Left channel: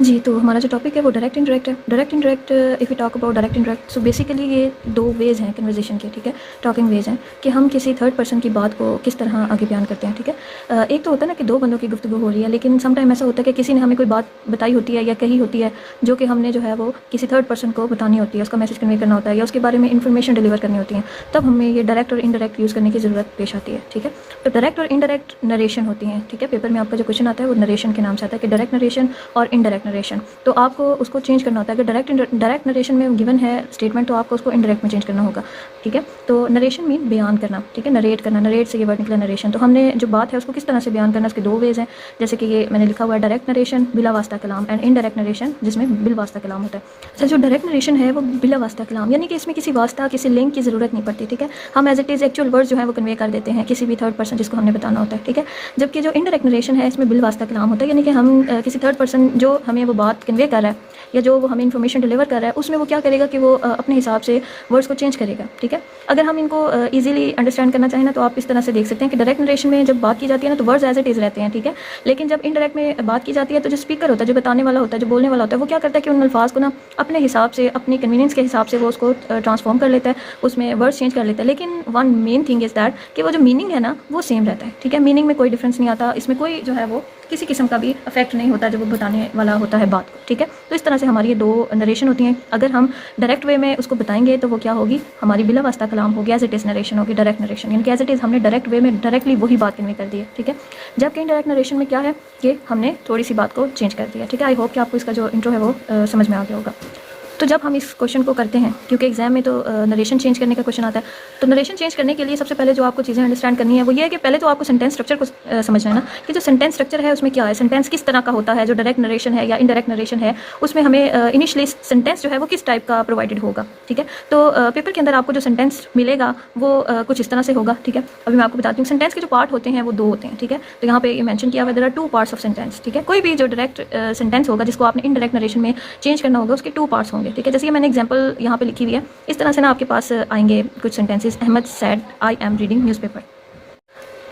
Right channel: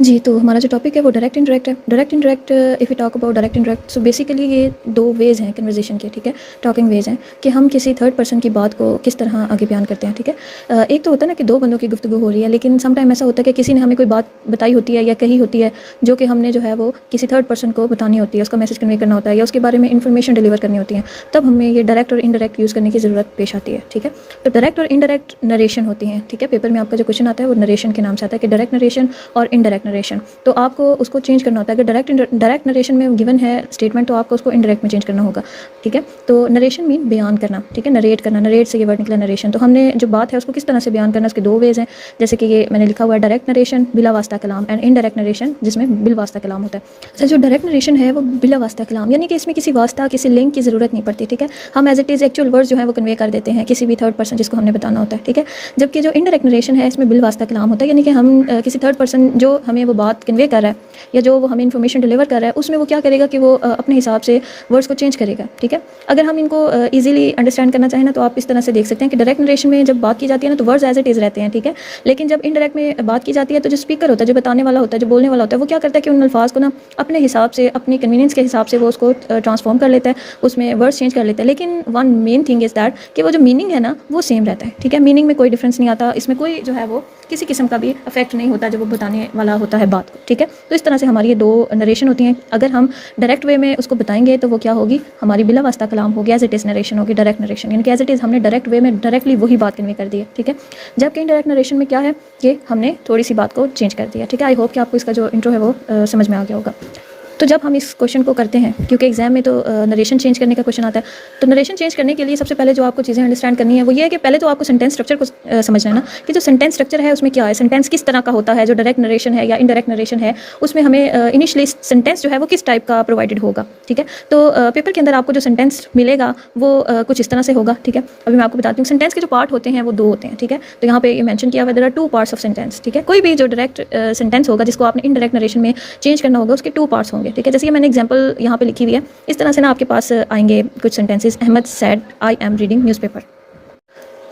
जी, तो हमारा जो टॉपिक है वो डायरेक्ट इंडायरेक्ट है। Direct indirect, if you talk about direct indirect, so basically ये दो वेज़ हैं कन्वर्सेशन के, ठीक है, टॉकिंग वेज़ हैं कि हम किसी थर्ड पर्सन की बात को किस तरह आगे बयान करते हैं, ठीक है। एक तो होता है ना कि दो बंदों की गुफ्तगू हो रही है, लेकिन सम टाइम ऐसा होता है कि किसी ने हमें कोई बात बताई होती है या कही होती है जो कि हमने जो है वो किसी थर्ड पर्सन को बतानी होती है, उसका मैसेज कन्वे करना होता है या उसके बारे में इन्फॉर्मेशन डिलीवर करनी होती है, तब हमें ये डायरेक्ट और इनडायरेक्ट यूज़ करने की ज़रूरत पेश आती है, ठीक है। तो डायरेक्ट और इनडायरेक्ट नरेशन होती हैं, ठीक है। पेपर में आपका जो क्वेश्चन आता है वो नरेशन के नाम से आता है कि डायरेक्ट नरेशन और इनडायरेक्ट नरेशन। तो आपको उसको चेंज करना होता है। अगर डायरेक्ट नरेशन में गिवन है स्टेटमेंट तो आपको उसको इनडायरेक्ट में चेंज करना होगा, ठीक है। तो नरेशन मीन बयान करना, ठीक है, नरेट करना, नरेट से ये वर्ड निकला नरेशन। तो हमने जो बात है उसको किस तरह से बयान करना, उसके दो वेज हैं, जैसे कि ये मैंने लिखा हुआ है डायरेक्ट नरेशन बिला वास्ता कलाम एंड इनडायरेक्ट नरेशन जिसमें बिल वास्ता कलाम होता है। तो जो डायरेक्ट नरेशन है वो बिला वास्ता कलाम, यानी कि इसमें किसी वास्ता किसी लिंक की ज़रूरत नहीं पड़ती, ठीक है। हम as it is actual words जो है वो कन्वे कर देते हैं किसी भी थर्ड पर्सन जिसको हमने बताना होता है, ठीक है। जबकि जो इनडायरेक्ट नरेशन है इसमें बिल वास्ता कलाम होता है, यानी कि हम किसी थर्ड पर्सन जो हमें वो बात कन्वे कर रहा है या जो वो हमें इन्फॉर्मेशन डिलीवर कर रहा है उसमें वो क्या करेगा कि वो अपने हिसाब से वर्ड्स को चेंज करेगा, ठीक है। अगर हम इनको ईजिली अंडरस्टैंड करना चाहें ना तो आप इस तरह से देख सकते हैं कि डायरेक्ट नरेशन में जब बात की जाती है ना तो वर्ड्स एज इट इज़ रहते हैं, ठीक है। लेकिन जब इनडायरेक्ट में बात की जाती है तो जो स्पीकर होता है, जो बताने वाला होता है, जो बोलने वाला होता है, वो क्या करता है कि उन अल्फाज को ना अपने हिसाब से, अपनी कन्वीनियंस के हिसाब से वो उसको ट्रांसफॉर्म कर लेता है, उसमें वर्ड्स चेंज कर लेता है। लेकिन one main thing is that कि वो जो मीनिंग है ना वो सेम रहता है, ठीक है। मीनिंग में कोई डिफरेंस नहीं आता, इसमें कोई जो है वो किसी किस्म का भी इफेक्ट नहीं होता जब वो बताने वाला होता है बात को, ठीक है। तो इस तरह से हमारी ये दो नरेशन होती हैं। अगर हम डायरेक्ट वे में उसको बताएंगे तो वो क्या होगी, हमारी बिला वास्ता कलाम होगी, एज इट इज़ नरेशन होगी, डायरेक्ट नरेशन, यानी कि एज इट इज़ हमने डायरेक्ट वे में डायरेक्टली वही बात कन्वे कर दी है, ठीक है। जबकि इनडायरेक्ट नरेशन में क्या है कि हमने थोड़ी सी बात को चेंज कर दिया, ठीक है। आई होप कि आपको इसका जो इंट्रो है वो समझ में आ गया होगा। तो जब हम इस क्वेश्चन को करते हैं, क्योंकि एग्जाम में तो नरेशन चेंज करने का क्वेश्चन आता है, तो नरेशन चेंज करने के लिए सबसे पहले जो आपको चीज़ें अंडरस्टैंड करनी है वो ये है कि पहले तो आपको सेंटेंस स्ट्रक्चर को समझना है ना, कि जो सेंटेंस स्ट्रक्चर है उसमें क्या है, सेंटेंस किस तरह का होता है, जो डायरेक्ट नरेशन है या इनडायरेक्ट नरेशन है उसमें हमें इनिशियली सेंटेंस जो है वो किस टाइप का प्रोवाइडेड होगा, ठीक है। तो पेपर के अंदर आपको जो सेंटेंस मिलेगा वो कुछ इस तरह से होगा, ठीक है। अभी मैं आपको बताती हूँ सेंटेंस के जो पार्ट होते हैं वो दो होते हैं, ठीक है। तो यहाँ पे ये मेंशन किया हुआ there are two parts of sentence, ठीक है। कोई भी जो डायरेक्ट सेंटेंस होगा जिसको आपने इनडायरेक्ट नरेशन में चेंज करना होगा उसके टू पार्ट्स होंगे, ठीक है। जैसे मैंने एग्जाम्पल यहाँ पे लिखी हुई है, इस तरह से ना आपके पास आएंगे कुछ sentences. Ahmed said I am reading newspaper.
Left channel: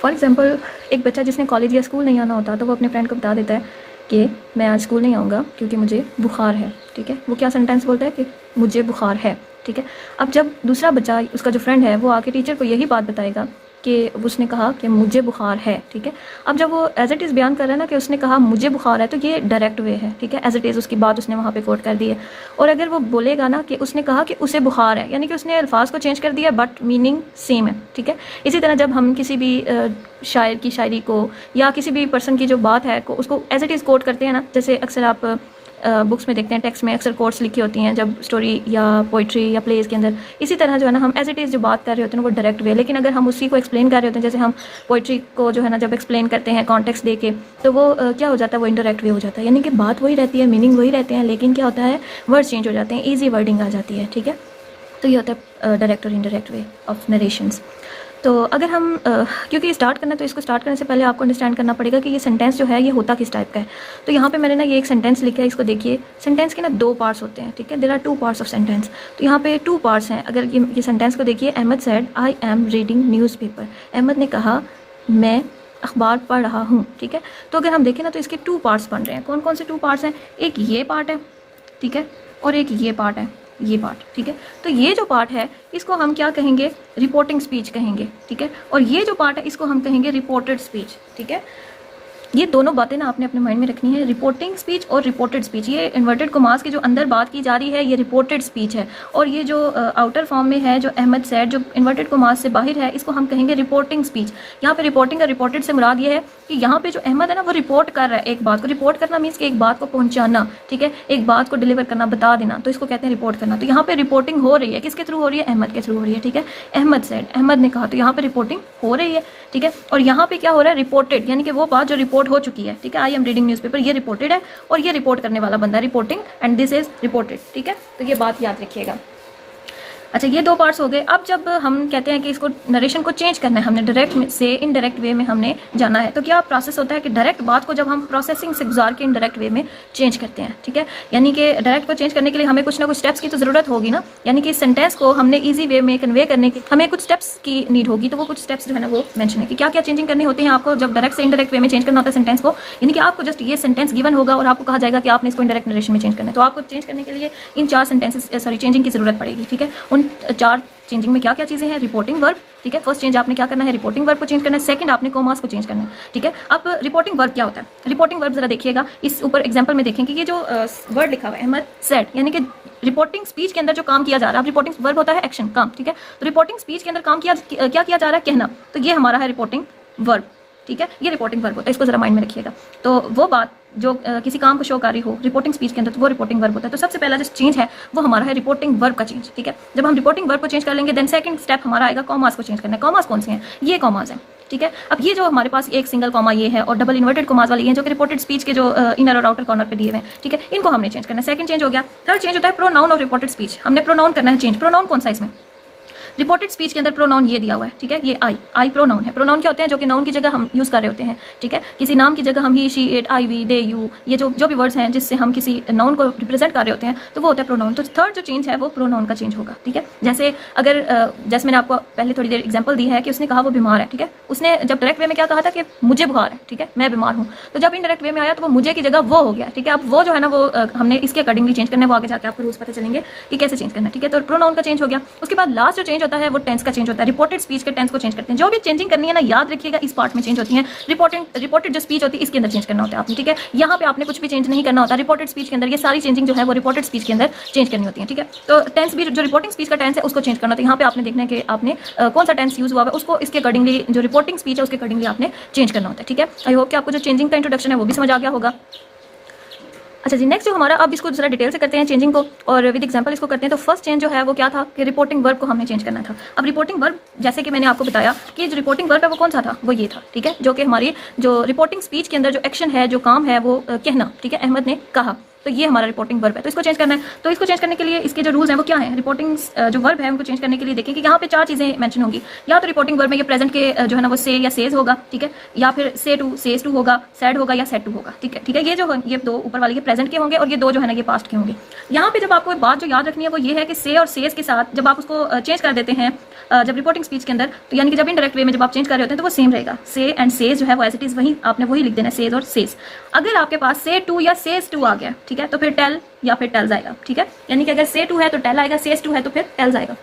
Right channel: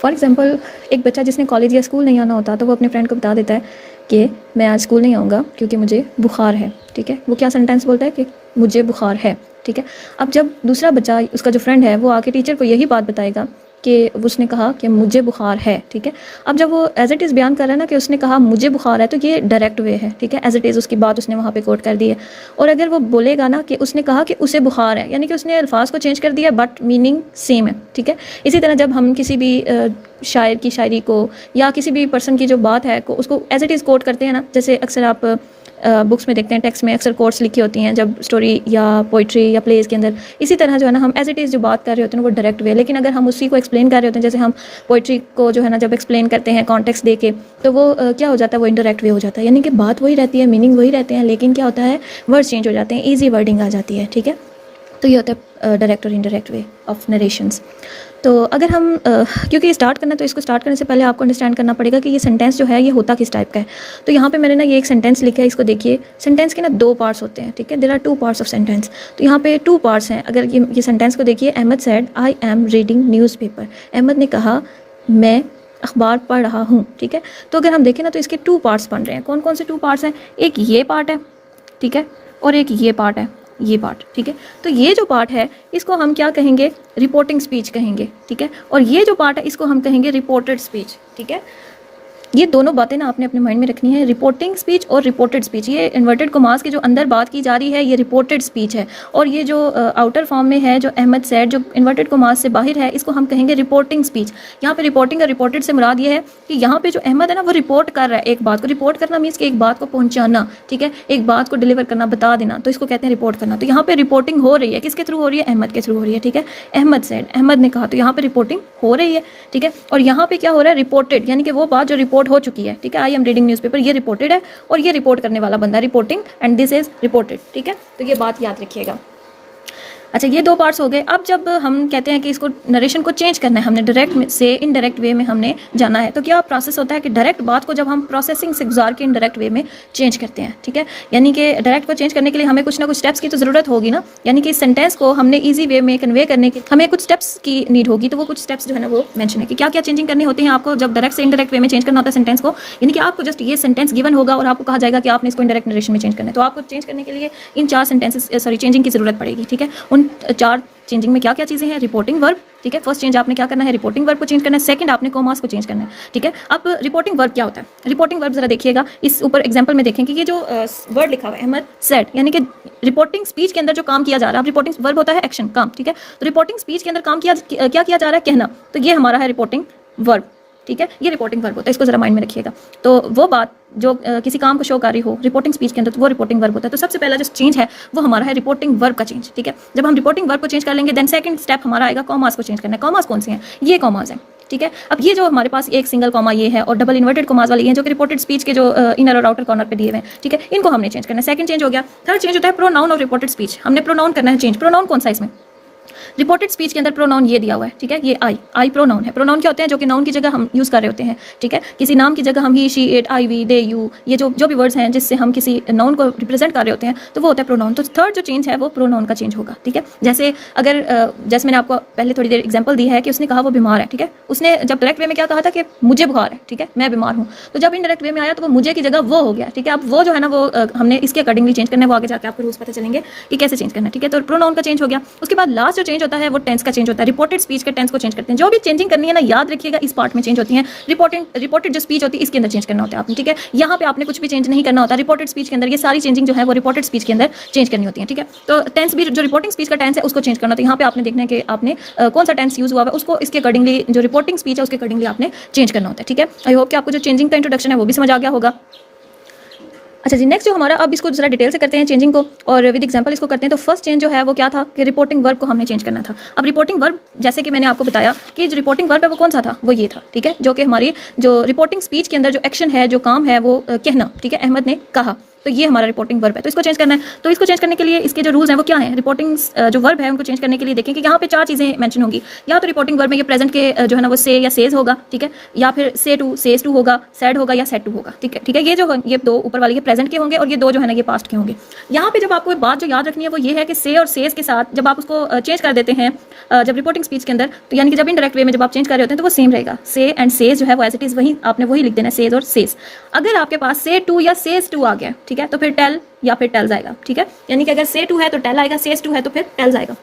For example एक बच्चा जिसने कॉलेज या स्कूल नहीं आना होता तो वो अपने फ्रेंड को बता देता है कि मैं आज स्कूल नहीं आऊँगा क्योंकि मुझे बुखार है, ठीक है। वो क्या सेंटेंस बोलता है कि मुझे बुखार है, ठीक है। अब जब दूसरा बच्चा, उसका जो फ्रेंड है, वो आके टीचर को यही बात बताएगा कि उसने कहा कि मुझे बुखार है, ठीक है। अब जब वो एज इट इज़ बयान कर रहा है ना कि उसने कहा मुझे बुखार है, तो ये डायरेक्ट वे है, ठीक है। एज इट इज़ उसकी बात उसने वहाँ पे कोट कर दी है। और अगर वो बोलेगा ना कि उसने कहा कि उसे बुखार है, यानी कि उसने अल्फाज को चेंज कर दिया बट मीनिंग सेम है, ठीक है। इसी तरह जब हम किसी भी शायर की शायरी को या किसी भी पर्सन की जो बात है को उसको एज इट इज़ कोट करते हैं ना, जैसे अक्सर आप बुक्स में देखते हैं, टेक्स्ट में अक्सर कोट्स लिखी होती हैं जब स्टोरी या पोइट्री या प्लेज के अंदर, इसी तरह जो है ना हम एज इट इज़ जो बात कर रहे होते हैं वो डायरेक्ट वे। लेकिन अगर हम उसी को एक्सप्लेन कर रहे होते हैं, जैसे हम पोइट्री को जो है ना जब एक्सप्लेन करते हैं कॉन्टेक्स्ट दे के, तो वो क्या हो जाता है, वो इंडायरेक्ट वे हो जाता है, यानी कि बात वही रहती है, मीनिंग वही रहते हैं, लेकिन क्या होता है, वर्ड चेंज हो जाते हैं, ईजी वर्डिंग आ जाती है, ठीक है। तो ये होता है डायरेक्ट और इनडायरेक्ट वे ऑफ नरेशंस। तो अगर हम क्योंकि स्टार्ट करना, तो इसको स्टार्ट करने से पहले आपको अंडरस्टैंड करना पड़ेगा कि ये सेंटेंस जो है ये होता किस टाइप का है। तो यहाँ पे मैंने ना ये एक सेंटेंस लिखा है, इसको देखिए। सेंटेंस के ना दो पार्ट्स होते हैं, ठीक है। There are two parts of sentence. तो यहाँ पे टू पार्ट्स हैं। अगर ये सेंटेंस को देखिए, Ahmed said I am reading newspaper. Ahmed ने कहा मैं अखबार पढ़ रहा हूँ, ठीक है। तो अगर हम देखें ना तो इसके टू पार्ट्स बन रहे हैं। कौन कौन से टू पार्ट्स हैं, एक ये पार्ट है, ठीक है, और एक ये पार्ट है, ये पार्ट, ठीक है। तो ये जो पार्ट है इसको हम क्या कहेंगे, रिपोर्टिंग स्पीच कहेंगे, ठीक है। और ये जो पार्ट है इसको हम कहेंगे रिपोर्टेड स्पीच, ठीक है। ये दोनों बातें ना आपने अपने माइंड में रखनी है, रिपोर्टिंग स्पीच और रिपोर्टेड स्पीच। ये इन्वर्टेड कॉमास की जो अंदर बात की जा रही है ये रिपोर्टेड स्पीच है, और ये जो आउटर फॉर्म में है जो अहमद सैड जो इन्वर्टेड कॉमास से बाहर है इसको हम कहेंगे रिपोर्टिंग स्पीच। यहाँ पे रिपोर्टिंग और रिपोर्टेड से मुराद ये है कि यहाँ पे जो अहमद है ना वो रिपोर्ट कर रहा है एक बात को। रिपोर्ट करना मीन्स कि एक बात को पहुँचाना, ठीक है, एक बात को डिलीवर करना, बता देना, तो इसको कहते हैं रिपोर्ट करना। तो यहाँ पे रिपोर्टिंग हो रही है, किसके थ्रू हो रही है, अहमद के थ्रू हो रही है, ठीक है। अहमद सैड, अहमद ने कहा, तो यहाँ पे रिपोर्टिंग हो रही है, ठीक है। और यहाँ पे क्या हो रहा है, रिपोर्टेड, यानी कि वो बात जो रिपोर्ट हो चुकी है, ठीक है। आई एम रीडिंग न्यूज़पेपर, ये रिपोर्टेड है और ये रिपोर्ट करने वाला बंदा reporting, and this is reported, ठीक है। तो ये बात याद रखिएगा। अच्छा, ये दो पार्ट्स हो गए। अब जब हम कहते हैं कि इसको नरेशन को चेंज करना है, हमने डायरेक्ट से इनडायरेक्ट वे में हमने जाना है, तो क्या प्रोसेस होता है कि डायरेक्ट बात को जब हम प्रोसेसिंग से गुजार के इनडायरेक्ट वे में चेंज करते हैं, ठीक है। यानी कि डायरेक्ट को चेंज करने के लिए हमें कुछ ना कुछ स्टेप्स की तो ज़रूरत होगी ना, यानी कि इस सेंटेंस को हमने ईजी वे में कन्वे करने के हमें कुछ स्टेप्स की नीड होगी। तो वो कुछ स्टेप्स जो है ना वो मेंशन है कि क्या क्या चेंजिंग करने होते हैं आपको जब डायरेक्ट से इनडायरेक्ट वे में चेंज करना होता है सेंटेंस को। यानी कि आपको जस्ट ये सेंटेंस गिवन होगा और आपको कहा जाएगा कि आपने इसको इनडायरेक्ट नरेशन में चेंज करना है, तो आपको चेंज करने के लिए इन 4 सेंटेंसेस चेंजिंग की ज़रूरत पड़ेगी, ठीक है। उन 4 चेंजिंग में क्या क्या चीज़ें हैं? रिपोर्टिंग वर्ब, ठीक है। फर्स्ट चेंज आपने क्या करना है? रिपोर्टिंग वर्ब को चेंज करना है। सेकंड आपने कॉमास को चेंज करना है, ठीक है। अब रिपोर्टिंग वर्ब क्या होता है? रिपोर्टिंग वर्ब जरा देखिएगा, इस ऊपर एग्जांपल में देखें कि ये जो वर्ड लिखा हुआ है अहमद सेड, यानी कि रिपोर्टिंग स्पीच के अंदर जो काम किया जा रहा है, रिपोर्टिंग वर्ब होता है एक्शन, काम, ठीक है। तो रिपोर्टिंग स्पीच के अंदर काम क्या किया जा रहा है? कहना। तो ये हमारा है रिपोर्टिंग वर्ब, ठीक है। ये रिपोर्टिंग वर्ब होता है, इसको जरा माइंड में रखिएगा। तो वो बात जो किसी काम को शो कर रही हो रिपोर्टिंग स्पीच के अंदर, तो वो रिपोर्टिंग वर्ब होता है। तो सबसे पहला जो चेंज है वो हमारा है रिपोर्टिंग वर्ब का चेंज, ठीक है। जब हम रिपोर्टिंग वर्ब को चेंज कर लेंगे देन सेकंड स्टेप हमारा आएगा कॉमास को चेंज करना है। कॉमास कौन से हैं? ये कॉमास हैं, ठीक है। अब ये जो हमारे पास एक सिंगल कॉमा ये है और डबल इन्वर्टेड कॉमास वाली है जो कि रिपोर्टेड स्पीच के जो इनर और आउटर कॉर्नर पे दिए हुए हैं, ठीक है, इनको हमने चेंज करना है। सेकंड चेंज हो गया। थर्ड चेंज होता है प्रोनाउन और रिपोर्टेड स्पीच। हमने प्रोनाउन करना है चेंज। प्रोनाउन कौन सा इसमें? रिपोर्टेड स्पीच के अंदर प्रोनाउन ये दिया हुआ है, ठीक है। ये आई प्रोनाउन है। प्रोनाउन क्या होते हैं? जो कि नाउन की जगह हम यूज़ कर रहे होते हैं, ठीक है। किसी नाम की जगह हम he, she, it, I, we, they, you, ये जो भी वर्ड्स हैं जिससे हम किसी नाउन को रिप्रेजेंट कर रहे होते हैं, तो वो होता है प्रोनाउन। तो थर्ड जो चेंज है वो प्रोनाउन का चेंज होगा, ठीक है। जैसे अगर जैसे मैंने आपको पहले थोड़ी देर एग्जाम्पल दी है कि उसने कहा वो बीमार है, ठीक है। उसने जब डायरेक्ट वे में क्या कहा था कि मुझे बुखार है, ठीक है, मैं बीमार हूँ। तो जब इनडायरेक्ट वे में आया तो वो मुझे की जगह वो हो गया, ठीक है। अब वो जो है ना वो हमने इसके अकॉर्डिंगली चेंज करना है। वो आगे जाकर आपको रूल्स पता चलेंगे कि कैसे चेंज करना है, ठीक है। तो प्रोनाउन का चेंज हो गया। उसके बाद लास्ट जो चेंज होता है वो टेंस का चेंज होता है। रिपोर्टेड स्पीच के टेंस को चेंज करते हैं। जो भी चेंजिंग करनी है ना, याद रखिएगा इस पार्ट में चेंज होती है। रिपोर्टेड जो स्पीच होती है इसके अंदर चेंज करना होता है आपने, ठीक है। यहाँ पे आपने कुछ भी चेंज नहीं करना होता। रिपोर्टेड स्पीच के अंदर ये सारी चेंजिंग जो है वो रिपोर्टेड स्पीच के अंदर चेंज करनी होती है, ठीक है। तो टेंस भी जो रिपोर्टिंग स्पीच का टेंस है उसको चेंज करना होता है। यहाँ पे आपने देखना है कि आपने कौन सा टेंस यूज हुआ है उसको इसके अकॉर्डिंगली जो रिपोर्टिंग स्पीच है उसके अकॉर्डिंगली आपने चेंज करना होता है, ठीक है। आई होप कि आपको जो चेंजिंग का इंट्रोडक्शन है वो भी समझ आ गया होगा। अच्छा जी, नेक्स्ट जो हमारा, अब इसको जरा डिटेल से करते हैं चेंजिंग को और विद एग्जांपल इसको करते हैं। तो फर्स्ट चेंज जो है वो क्या था कि रिपोर्टिंग वर्ब को हमने चेंज करना था। अब रिपोर्टिंग वर्ब जैसे कि मैंने आपको बताया कि जो रिपोर्टिंग वर्ब है वो कौन सा था? वो ये था, ठीक है। जो कि हमारी जो रिपोर्टिंग स्पीच के अंदर जो एक्शन है, जो काम है वो कहना, ठीक है। अहमद ने कहा, तो ये हमारा रिपोर्टिंग वर्ब है। तो इसको चेंज करना है। तो इसको चेंज करने के लिए इसके जो रूल्स हैं वो क्या हैं? रिपोर्टिंग जो वर्ब है उनको चेंज करने के लिए देखें कि यहाँ पे 4 चीज़ें मेंशन होंगी। या तो रिपोर्टिंग वर्ब में ये प्रेजेंट के जो है ना वो से या सेज होगा, ठीक है, या फिर से टू, सेज टू होगा, सेड होगा या सेड टू होगा, ठीक है, ठीक है। ये जो ये 2 ऊपर वाले ये प्रेजेंट के होंगे और ये 2 जो है ना ये पास्ट के होंगे। यहाँ पे जब आपको बात जो याद रखनी है वो ये है कि से और सेज के साथ जब आप उसको चेंज कर देते हैं जब रिपोर्टिंग स्पीच के अंदर, तो यानी कि जब इनडायरेक्ट वे में जब आप चेंज कर रहे होते हैं तो वो सेम रहेगा। से एंड सेज जो है वो एज इट इज वही आपने वही लिख देना है, सेज और सेज। अगर आपके पास से टू या सेज टू आ गया, ठीक है, तो फिर टेल या फिर टेल्स आएगा, ठीक है। यानी कि अगर से टू है तो टेल आएगा, सेज टू है तो फिर टेल्स आएगा।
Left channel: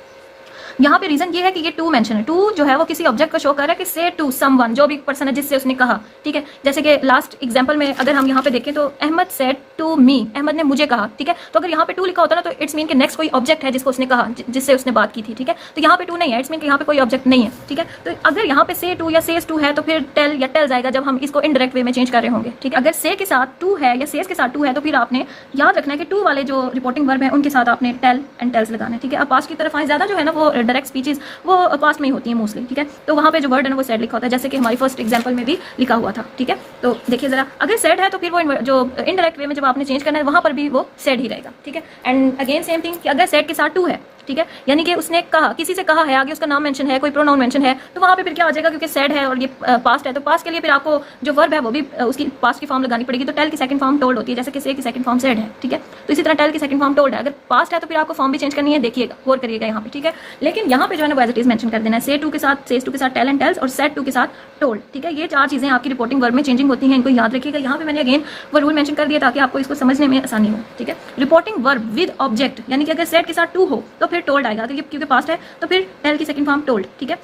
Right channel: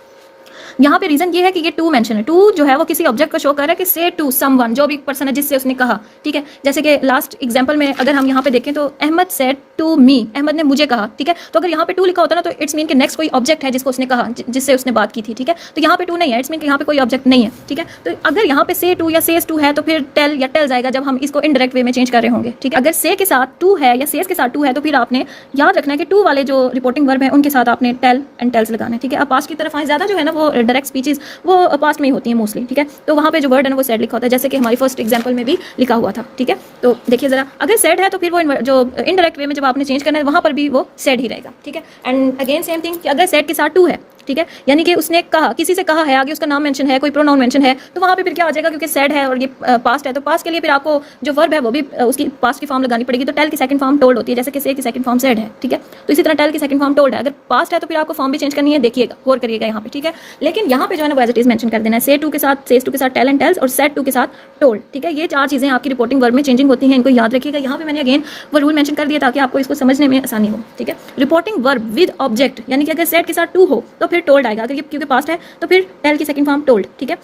यहाँ पे रीजन ये है कि ये टू मेंशन है। टू जो है वो किसी ऑब्जेक्ट को शो कर रहा है कि से टू समवन, जो भी पर्सन है जिससे उसने कहा, ठीक है। जैसे कि लास्ट एग्जांपल में अगर हम यहाँ पे देखें तो Ahmed said to me, Ahmed ने मुझे कहा, ठीक है। तो अगर यहाँ पे टू लिखा होता ना तो इट्स मीन कि नेक्स्ट कोई ऑब्जेक्ट है जिसको उसने कहा, जिससे उसने बात की थी, ठीक है। तो यहाँ पे टू नहीं है, इट्स मीन कि यहाँ पे कोई ऑब्जेक्ट नहीं है, ठीक है। तो अगर यहाँ पे से टू या सेज टू है तो फिर टेल या टेल्स आएगा जब हम इसको इनडायरेक्ट वे में चेंज कर रहे होंगे, ठीक है। अगर से के साथ टू है या सेज के साथ टू है तो फिर आपने याद रखना है कि टू वाले जो रिपोर्टिंग वर्ब है उनके साथ आपने टेल एंड टेल्स लगाना है, ठीक है। अब पास्ट की तरफ आए, ज्यादा जो है ना वो डायरेक्ट स्पीचेस वो पास्ट में ही होती है मोस्टली, ठीक है। तो वहाँ पे जो वर्ड है ना वो सेड लिखा होता है, जैसे कि हमारी फर्स्ट एग्जांपल में भी लिखा हुआ था, ठीक है। तो देखिए जरा, अगर सेड है तो फिर वो जो इनडायरेक्ट वे में जब आपने चेंज करना है वहाँ पर भी वो सेड ही रहेगा, ठीक है। एंड अगेन सेम थिंग कि अगर सेड के साथ टू है, ठीक है, यानी कि उसने कहा, किसी से कहा है, आगे उसका नाम मेंशन है, कोई प्रोनाउन मेंशन है, तो वहाँ पे फिर क्या आ जाएगा, क्योंकि सेड है और ये पास्ट है तो पास्ट के लिए फिर आपको जो वर्ब है वो भी उसकी पास्ट की फॉर्म लगानी पड़ेगी। तो टेल की सेकंड फॉर्म टोल्ड होती है, जैसे कि से की सेकंड फॉर्म सेड है, ठीक है। तो इसी तरह टेल की सेकंड फॉर्म टोल्ड है। अगर पास्ट है तो फिर आपको फॉर्म भी चेंज करनी है, देखिएगा, गौर करिएगा यहाँ पे, ठीक है। लेकिन यहाँ पे जो है ना एज इट इज मेंशन कर देना है, से टू के साथ, सेज टू के साथ टेल एंड टेल्स और सेड टू के साथ टोल्ड, ठीक है। ये 4 चीजें आपकी रिपोर्टिंग वर्ब में चेंजिंग होती हैं, इनको याद रखिएगा। यहाँ पे मैंने अगेन वो रूल मेंशन कर दिया ताकि आपको इसको समझने में आसानी हो, ठीक है। रिपोर्टिंग वर्ब विद ऑब्जेक्ट, यानी कि अगर सेड के साथ टू हो तो फिर टोल्ड आएगा, अगर ये क्योंकि पास्ट है तो फिर टेल की सेकंड फॉर्म टोल्ड, ठीक है।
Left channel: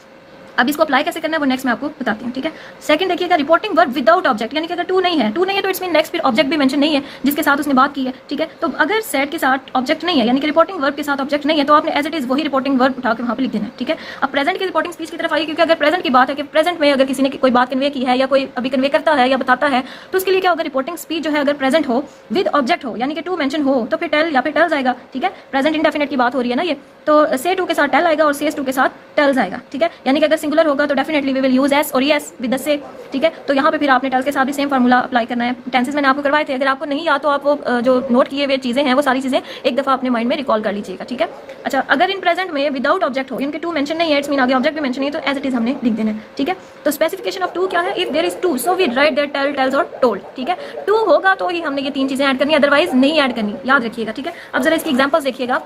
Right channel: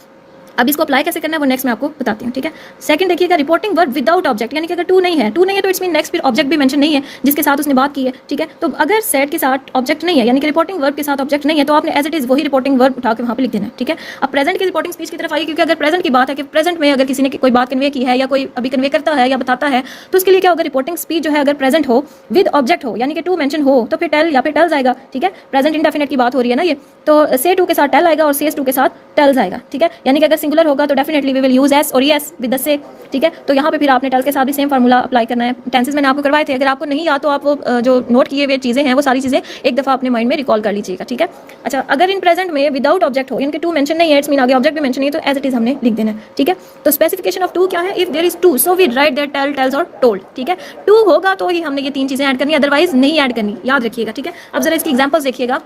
अब इसको अप्लाई कैसे करना है वो नेक्स्ट मैं आपको बताती हूँ, ठीक है। सेकंड देखिएगा, रिपोर्टिंग वर्ब विदाउट ऑब्जेक्ट, यानी कि अगर टू नहीं है तो इट्स मीन नेक्स्ट फिर ऑब्जेक्ट भी मेंशन नहीं है जिसके साथ उसने बात की है, ठीक है। तो अगर सेड के साथ ऑब्जेक्ट नहीं है, यानी कि रिपोर्टिंग वर्ब के साथ ऑब्जेक्ट नहीं है, तो आपने एज इट इज वही रिपोर्टिंग वर्ब उठा के वहाँ पे लिख देना है, ठीक है। अब प्रेजेंट की रिपोर्टिंग स्पीच की तरफ आइए, क्योंकि अगर प्रेजेंट की बात है कि प्रेजेंट में अगर किसी ने कोई बात कन्वे की है या कोई अभी कन्वे करता है या बताता है, तो उसके लिए क्या होगा, रिपोर्टिंग स्पीच जो है अगर प्रेजेंट हो विद ऑब्जेक्ट हो, यानी कि टू मेंशन हो, तो फिर टेल या फिर टेल्स आएगा, ठीक है। प्रेजेंट इंडेफिनिट की बात हो रही है ना ये, तो से टू के साथ टेल आएगा और से टू के साथ टेल्स आएगा, ठीक है। यानी कि अगर सिंगुलर होगा तो definitely we will use S और एस विद द से, ठीक है। तो यहाँ पे फिर आपने टेल के साथ भी सेम फार्मूला अप्लाई करना है। टेंसेस मैंने आपको करवाए थे, अगर आपको नहीं याद तो आप वो जो नोट किए हुए चीज़ें हैं वो सारी चीज़ें एक दफ़ा अपने माइंड में रिकॉल कर लीजिएगा, ठीक है। अच्छा, अगर इन प्रेजेंट में विदाउट ऑब्जेक्ट हो, यानी कि टू मेंशन नहीं है, इट्स मीन आगे ऑब्जेक्ट भी मेंशन नहीं है, तो एज इट इज हमने लिख देना है, ठीक है। तो स्पेसिफिकेशन ऑफ टू क्या है? If there is to so we write there tell, tells और टोल्ड, ठीक है। टू होगा तो ही हमने ये तीन चीज़ें ऐड करनी, अदरवाइज नहीं ऐड करनी, याद रखिएगा, ठीक है। अब जरा इसकी एग्जांपल्स देखिएगा।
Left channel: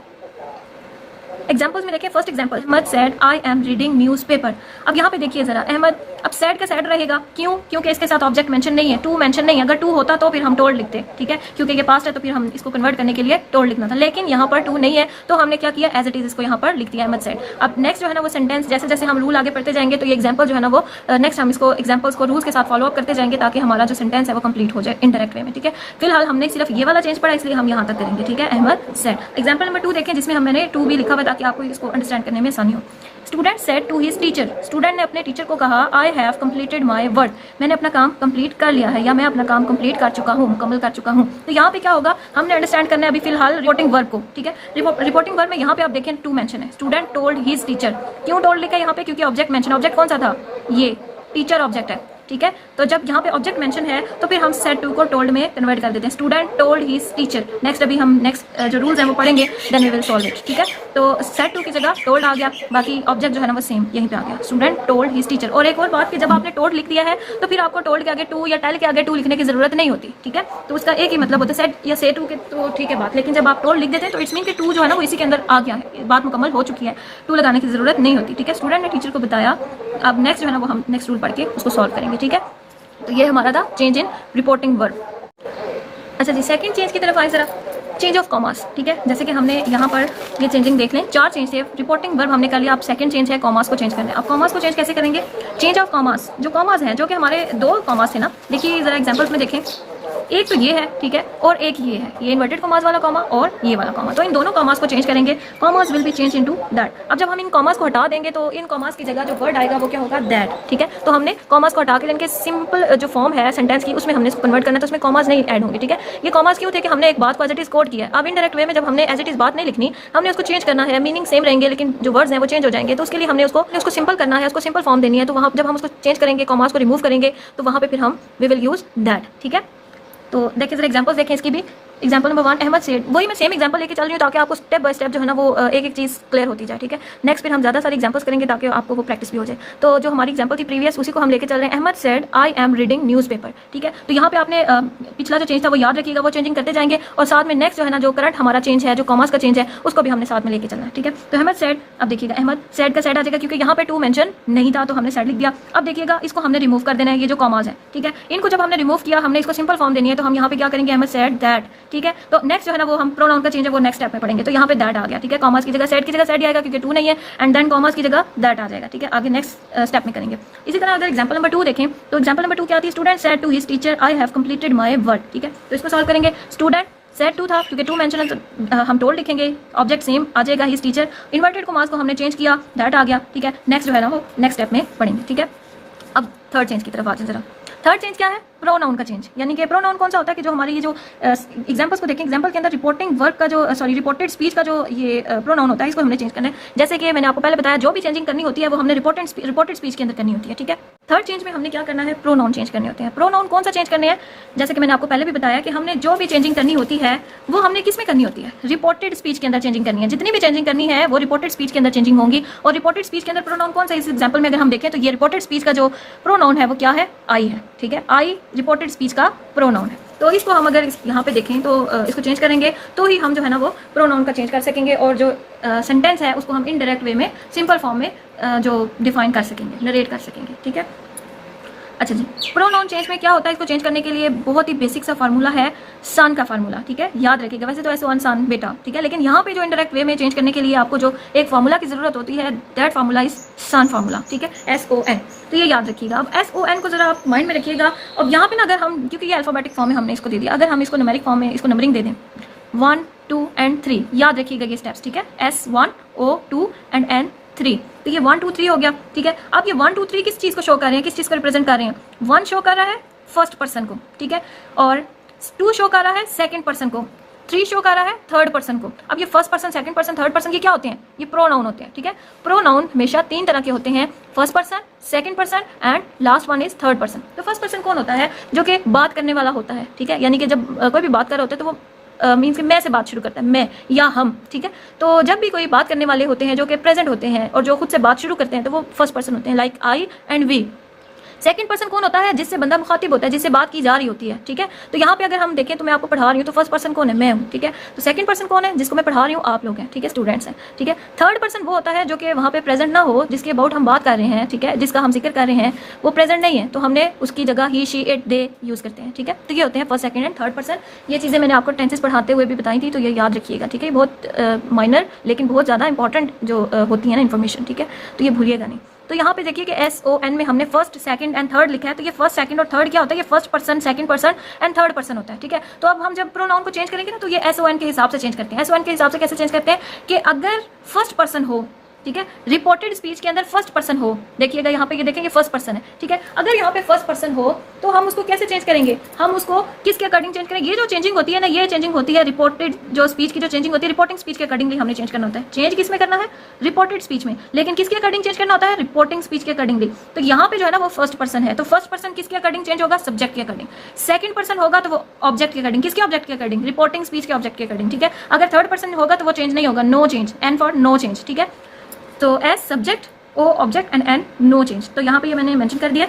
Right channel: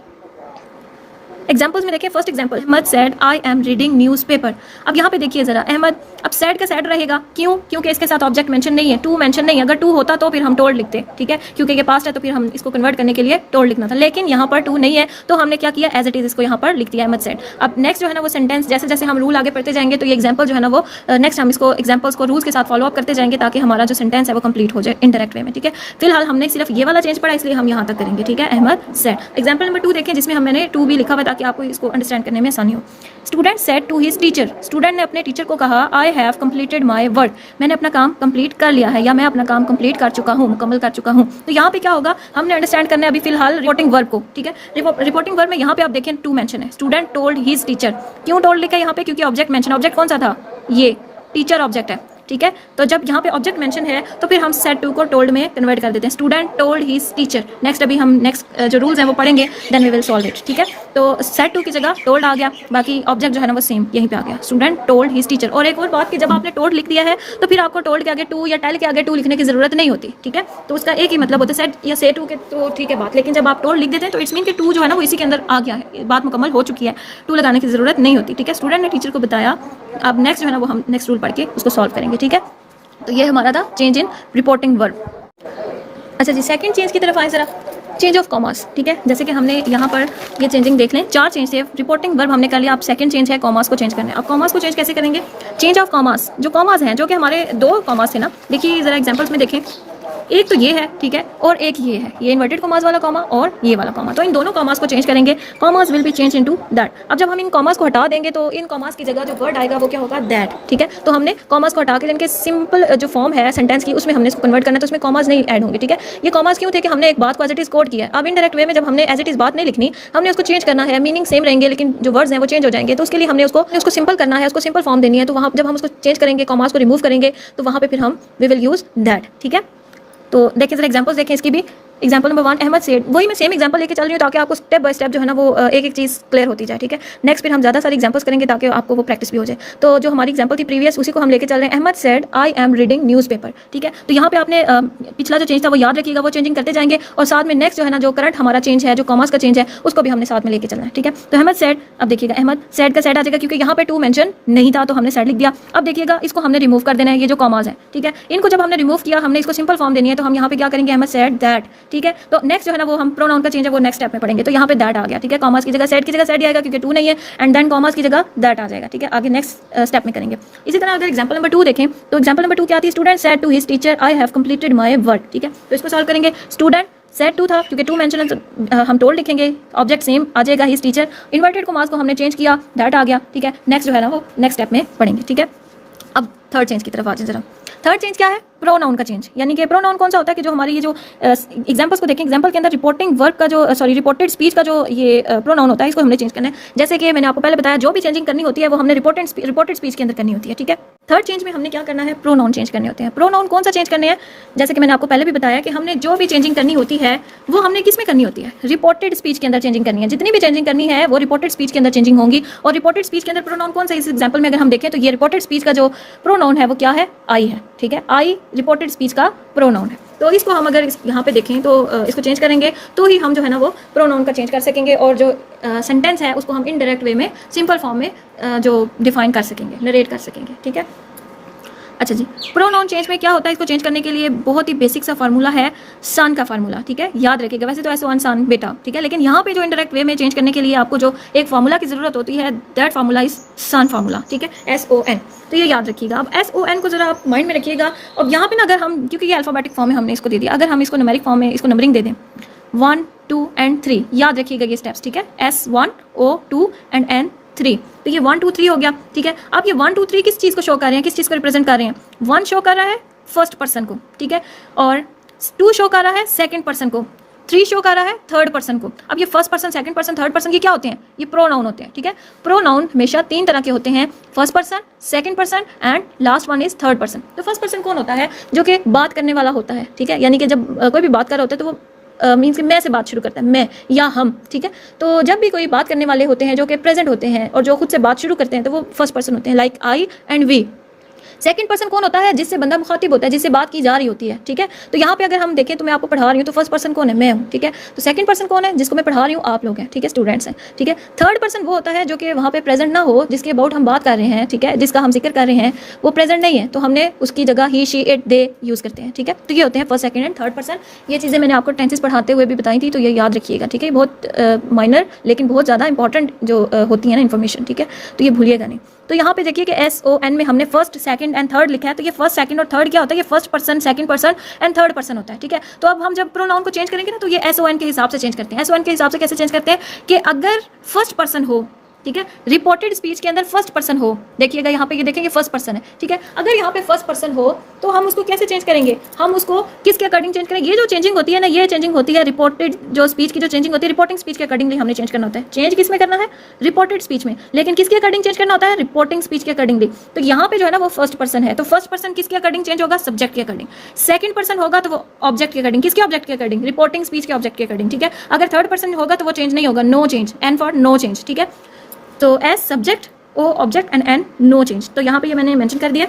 एग्जाम्पल्स में देखिए, first example, Ahmed said I am reading newspaper. अब यहाँ पे देखिए जरा, अहमद, अब सेड का सेड रहेगा, क्यों? क्योंकि इसके साथ ऑब्जेक्ट मेंशन नहीं है, टू मेंशन नहीं है। अगर टू होता तो फिर हम टोल्ड लिखते, ठीक है, क्योंकि ये पास्ट है तो फिर हम इसको कन्वर्ट करने के लिए टोल्ड लिखना था, लेकिन यहाँ पर टू नहीं है तो हमने क्या किया, एज इट इज इसको यहाँ पर लिख दिया, अहमद सेड। अब नेक्स्ट जो है ना वो सेंटेंस, जैसे जैसे हम रूल आगे पढ़ते जाएंगे तो ये एग्जाम्पल जो है ना वो नेक्स्ट हम इसको एग्जाम्पल्स को रूल्स के साथ फॉलो अप करते जाएंगे ताकि हमारा जो सेंटेंस है वो कंप्लीट हो जाए इनडायरेक्ट वे में, ठीक है। फिलहाल हमने सिर्फ ये वाला चेंज पढ़ा, इसलिए हम यहाँ तक करेंगे, ठीक है। अहमद सेड। एग्जाम्पल नंबर 2 देखें, जिसमें हमने टू भी लिखा हुआ ताकि आपको इसको अंडरस्टैंड करने में आसानी हो। Student said to his teacher, student ने अपने टीचर को कहा, I have completed my work, मैंने अपना काम कंप्लीट कर लिया है या मैं अपना काम कंप्लीट कर चुका हूँ, मुकम्मल कर चुका हूँ। तो यहाँ पे क्या होगा, हमने अंडरस्टैंड करना है अभी फिलहाल रिपोर्टिंग वर्ब को, ठीक है। रिपोर्टिंग वर्ब में यहाँ पे आप देखें टू मेंशन है, स्टूडेंट टोल्ड हिज टीचर। क्यों टोल्ड लिखा है यहाँ पे? क्योंकि ऑब्जेक्ट मेंशन, ऑब्जेक्ट कौन सा था? ये टीचर ऑब्जेक्ट है, ठीक है। तो जब यहाँ पे ऑब्जेक्ट मेंशन है तो फिर हम सेड टू को टोल्ड में कन्वर्ट कर देते हैं, student told his teacher. Next अभी हम नेक्स्ट जो रूल्स हैं वो पढ़ेंगे, then we will solve it, ठीक है। तो सेड टू की जगह टोल्ड आ गया, बाकी ऑब्जेक्ट जो है ना वो सेम यहीं पे आ गया, स्टूडेंट टोल्ड हिज टीचर। और एक और बात कि जब आपने टोल्ड लिख दिया है तो फिर आपको टोल्ड के आगे टू या टेल के आगे टू लिखने की जरूरत नहीं होती, ठीक है। तो उसका एक ही मतलब होता है, सेड या से टू के तो ठीक है बात, लेकिन जब आप टोल्ड लिख देते हैं तो इट्स मीन कि टू जो है ना वो इसी के अंदर आ गया है, बात मुकम्मल हो चुकी है, टू लगाने की जरूरत नहीं होती, ठीक है। स्टूडेंट ने टीचर को बताया। अब नेक्स्ट जो है ना वो हम नेक्स्ट रूल पढ़ के उसको सॉल्व करेंगे, ठीक है। तो ये हमारा था चेंज इन रिपोर्टिंग वर्ब। अच्छा जी, सेकंड चेंज की तरफ आए जरा, चेंज ऑफ कॉमास, ठीक है। जैसे कि हमने यहाँ पर ये चेंजिंग देख लें, 4 चेंज थे, रिपोर्टिंग वर्ब हमने कर लिया, अब सेकंड चेंज है कॉमास को चेंज करना है। अब कॉमास को चेंज कैसे करेंगे? चेंज ऑफ कॉमास, जो कॉमास हैं, जो कि हमारे 2 कॉमास थे ना, देखिए जरा एग्जांपल्स में देखें, एक तो ये है, ठीक है, और एक ये है, ये इन्वर्टेड कॉमास वाला कॉमा और ये वाला कॉमा। तो इन दोनों कॉमास को चेंज करेंगे, commas will be change into that. अब जब हम इन कॉमास को हटा देंगे तो इन कॉमास की जगह जो वर्ड आएगा वो क्या होगा? दैट, ठीक है। तो हमने कॉमास को हटा के इनके सिंपल जो फॉर्म है सेंटेंस की उसमें हमने इसको कन्वर्ट करना है, तो उसमें कॉमास नहीं ऐड होंगे, ठीक है। ये कॉमास क्यों थे कि हमने एक बात को एज इट इज कोड किया है। अब इनडायरेक्ट वे में जब हमने एज इट इज बात नहीं लिखनी, हमने उसको चेंज करना है, मीनिंग सेम रहेंगे लेकिन जो वर्ड्स हैं वो चेंज हो जाएंगे। तो उसके लिए हमने उसको सिंपल करना है, उसको सिंपल फॉर्म देनी है। तो वहाँ जब हम उसको चेंज करेंगे, कॉमास को रिमूव करेंगे, तो वहाँ पे फिर हम वी विल यूज दैट, ठीक है। तो देखिए जरा एग्जांपल्स देखें इसकी भी। एग्जांपल नंबर 1, अहमद सेड, वही मैं सेम एग्जांपल लेके चल रही हूँ ताकि आपको स्टेप बाय स्टेप जो है ना वो एक एक चीज़ क्लियर होती जाए, ठीक है। नेक्स्ट फिर हम ज़्यादा सारी एग्जांपल्स करेंगे ताकि आपको वो प्रैक्टिस भी हो जाए। तो जो हमारी एग्जांपल थी प्रीवियस उसी को हम लेके चल रहे हैं। Ahmed said I am reading newspaper, ठीक है। तो यहाँ पे आपने पिछला जो चेंज था वो याद रखिएगा, वो चेंजिंग करते जाएंगे और साथ में नेक्स्ट जो है ना जो करंट हमारा चेंज है, जो कॉमर्स का चेंज है, उसको भी हमने साथ में लेके चलना है, ठीक है। तो अहमद सेड, अब देखिएगा अहमद सेड का सेड आ जाएगा क्योंकि यहाँ पे टू मेंशन नहीं था तो हमने सेड लिख दिया। अब देखिएगा इसको हमने रिमूव कर देना है, ये जो कॉमास है, ठीक है। इनको जब हमने रिमूव किया, हमने इसको सिंपल फॉर्म देनी है, तो हम यहाँ पे क्या करेंगे? अहमद सेड दैट, ठीक है। तो नेक्स्ट जो है ना वो हम प्रोनाउन का चेंज है वो नेक्स्ट स्टेप में पढ़ेंगे। तो यहाँ पे दैट आ गया, ठीक है। कॉमर्स की जगह सेड की जगह सेड आएगा क्योंकि टू नहीं है, एंड देन कॉमर्स की जगह दैट आ जाएगा, ठीक है। आगे नेक्स्ट स्टेप में करेंगे। इसी तरह अगर एग्जांपल नंबर 2 देखें तो एग्जांपल नंबर 2 क्या थी? Student said to his teacher I have completed my work, ठीक है। तो इसको सॉल्व करेंगे। स्टूडेंट सेड टू था क्योंकि टू मेंशन हम टोल्ड लिखेंगे, ऑब्जेक्ट सेम आ जाएगा हिज टीचर, इन्वर्टेड कॉमर्स को हमने चेंज किया, दैट आ गया, ठीक है। नेक्स्ट जो है ना वो नेक्स्ट स्टेप में पढ़ेंगे, ठीक है। अब थर्ड चेंज की तरफ आ जाए जरा। थर्ड चेंज क्या है? प्रोनाउन का चेंज, यानी कि प्रोनाउन कौन सा होता है कि जो हमारी ये जो एग्जांपल्स को देखें, एग्जांपल के अंदर रिपोर्टिंग वर्ब का जो रिपोर्टेड स्पीच का जो ये प्रोनाउन होता है, इसको हमने चेंज करना है। जैसे कि मैंने आपको पहले बताया, जो भी चेंजिंग करनी होती है वो हमने रिपोर्टेड स्पीच के अंदर करनी होती है, ठीक है। थर्ड चेंज में हमने क्या करना है? प्रोनाउन चेंज करने होते हैं। प्रोनाउन कौन सा चेंज करने हैं? जैसे कि मैंने आपको पहले भी बताया कि हमने जो भी चेंजिंग करनी होती है वो हमने किस में करनी होती है? रिपोर्टेड स्पीच के अंदर चेंजिंग करनी है। जितनी भी चेंजिंग करनी है वो रिपोर्टेड स्पीच के अंदर चेंजिंग होंगी। और रिपोर्टेड स्पीच के अंदर प्रोनाउन कौन सा? इस एग्जांपल में अगर हम देखें तो ये रिपोर्टेड स्पीच का जो प्रोनाउन है वो क्या है? आई है, ठीक है। आई रिपोर्टेड स्पीच का प्रोनाउन है। तो इसको हम अगर यहाँ पे देखें तो इसको चेंज करेंगे तो ही हम जो है ना वो प्रोनाउन का चेंज कर सकेंगे और जो सेंटेंस है उसको हम इनडायरेक्ट वे में सिंपल फॉर्म में जो डिफाइन कर सकेंगे, नरेट कर सकेंगे, ठीक है। अच्छा जी, प्रोनाउन चेंज में क्या होता है? इसको चेंज करने के लिए बहुत ही बेसिक सा फार्मूला है, सन का फार्मूला, ठीक है। याद रखिएगा, वैसे तो ऐसे वन सन बेटा, ठीक है, लेकिन यहाँ पे जो इनडायरेक्ट वे में चेंज करने के लिए आपको जो एक फार्मूला की जरूरत होती है, that formula is SON formula, ठीक है, SON। तो ये याद रखिएगा। अब SON को जरा आप माइंड में रखिएगा। अब यहाँ पे ना अगर हम, क्योंकि ये अल्फाबेटिक फॉर्म में हमने इसको दे दिया, अगर हम इसको न्यूमेरिक फॉर्म में इसको नंबरिंग दे दें 1 2 and 3, याद रखिएगा ये स्टेप्स, ठीक है। S1 O2 and N3, तो ये 1 2 3 हो गया, ठीक है। अब ये 1 2 3 किस चीज़ को शो कर रहे हैं, किस चीज़ को रिप्रेजेंट कर रहे हैं? 1 शो कर रहा है फर्स्ट पर्सन को, ठीक है, और 2 शो कर रहा है सेकंड पर्सन को, 3 शो कर रहा है थर्ड पर्सन को। अब ये first person, second person, third person, ये क्या होते हैं? ये प्रोनाउन होते हैं, ठीक है। प्रोनाउन हमेशा 3 तरह के होते हैं, first person, second person and last one is third person. तो फर्स्ट पर्सन कौन होता है? जो कि बात करने वाला होता है, ठीक है। यानी कि जब कोई भी बात कर रहा होता है तो वो मीन्स मैं से बात शुरू करता है, मैं या हम, ठीक है। तो जब भी कोई बात करने वाले होते हैं जो कि प्रेजेंट होते हैं और जो खुद से बात शुरू करते हैं तो वो फर्स्ट पर्सन होते हैं, like I and we. Second person कौन होता है? जिससे बंदा मुखातिब होता है, जिससे बात की जा रही होती है, ठीक है। तो यहाँ पे अगर हम देखें तो मैं आपको पढ़ा रही हूँ तो फर्स्ट पर्सन कौन है? मैं हूँ, ठीक है। तो सेकंड पर्सन कौन है? जिसको मैं पढ़ा रही हूँ आप लोग हैं, ठीक है, स्टूडेंट्स हैं, ठीक है। थर्ड पर्सन वो होता है जो कि वहाँ पे प्रेजेंट ना हो, जिसके अबाउट हम बात कर रहे हैं, ठीक है, जिसका हम जिक्र कर रहे हैं, वो प्रेजेंट नहीं है तो हमने उसकी जगह ही, शी, इट, दे यूज़ करते हैं, ठीक है। तो ये होते हैं first, second and third person. ये चीज़ें मैंने आपको टेंसेस पढ़ाते हुए भी बताई थी, तो ये याद रखिएगा, ठीक है। बहुत माइनर लेकिन बहुत ज़्यादा इंपॉर्टेंट जो होती है ना इन्फॉर्मेशन, ठीक है, तो ये भूलिएगा नहीं। तो यहाँ पे देखिए कि SON में हमने फर्स्ट, सेकंड एंड थर्ड लिखा है, तो ये फर्स्ट, सेकंड और थर्ड क्या होता है? ये first person, second person and third person होता है, ठीक है। तो अब हम जब प्रोनाउन को चेंज करेंगे ना तो ये SON के हिसाब से चेंज करते हैं। SON के हिसाब से कैसे चेंज करते हैं कि अगर फर्स्ट पर्सन हो, ठीक है, रिपोर्टेड स्पीच के अंदर फर्स्ट पर्सन हो, देखिएगा यहाँ पे ये देखेंगे फर्स्ट पर्सन है, ठीक है। अगर यहाँ पे फर्स्ट पर्सन हो तो हम उसको कैसे चेंज करेंगे? हम उसको किसके अकॉर्डिंग चेंज करेंगे? ये जो चेंजिंग होती है ना, ये चेंजिंग होती है रिपोर्टेड जो स्पीच की जो चेंजिंग होती है, रिपोर्टिंग स्पीच के अकॉर्डिंगली हमने चेंज करना होता है। चेंज किस में करना है? रिपोर्टेड स्पीच में। लेकिन किसके अकॉर्डिंग चेंज करना होता है? रिपोर्टिंग स्पीच के अकॉर्डिंगली। तो यहाँ पे जो है ना वो फर्स्ट पर्सन है, तो फर्स्ट पर्सन किसके अकॉर्डिंग चेंज होगा? सब्जेक्ट के अकॉर्डिंग। सेकंड पर्सन होगा तो वो ऑब्जेक्ट के अकॉर्डिंग। किसके ऑब्जेक्ट के अकॉर्डिंग? रिपोर्टिंग स्पीच के ऑब्जेक्ट के अकॉर्डिंग, ठीक है। अगर थर्ड पर्सन होगा तो वो चेंज नहीं होगा, no change, N for no change, ठीक है। तो S subject, O object and N no change. तो यहाँ पे ये मैंने मेंशन कर दिया।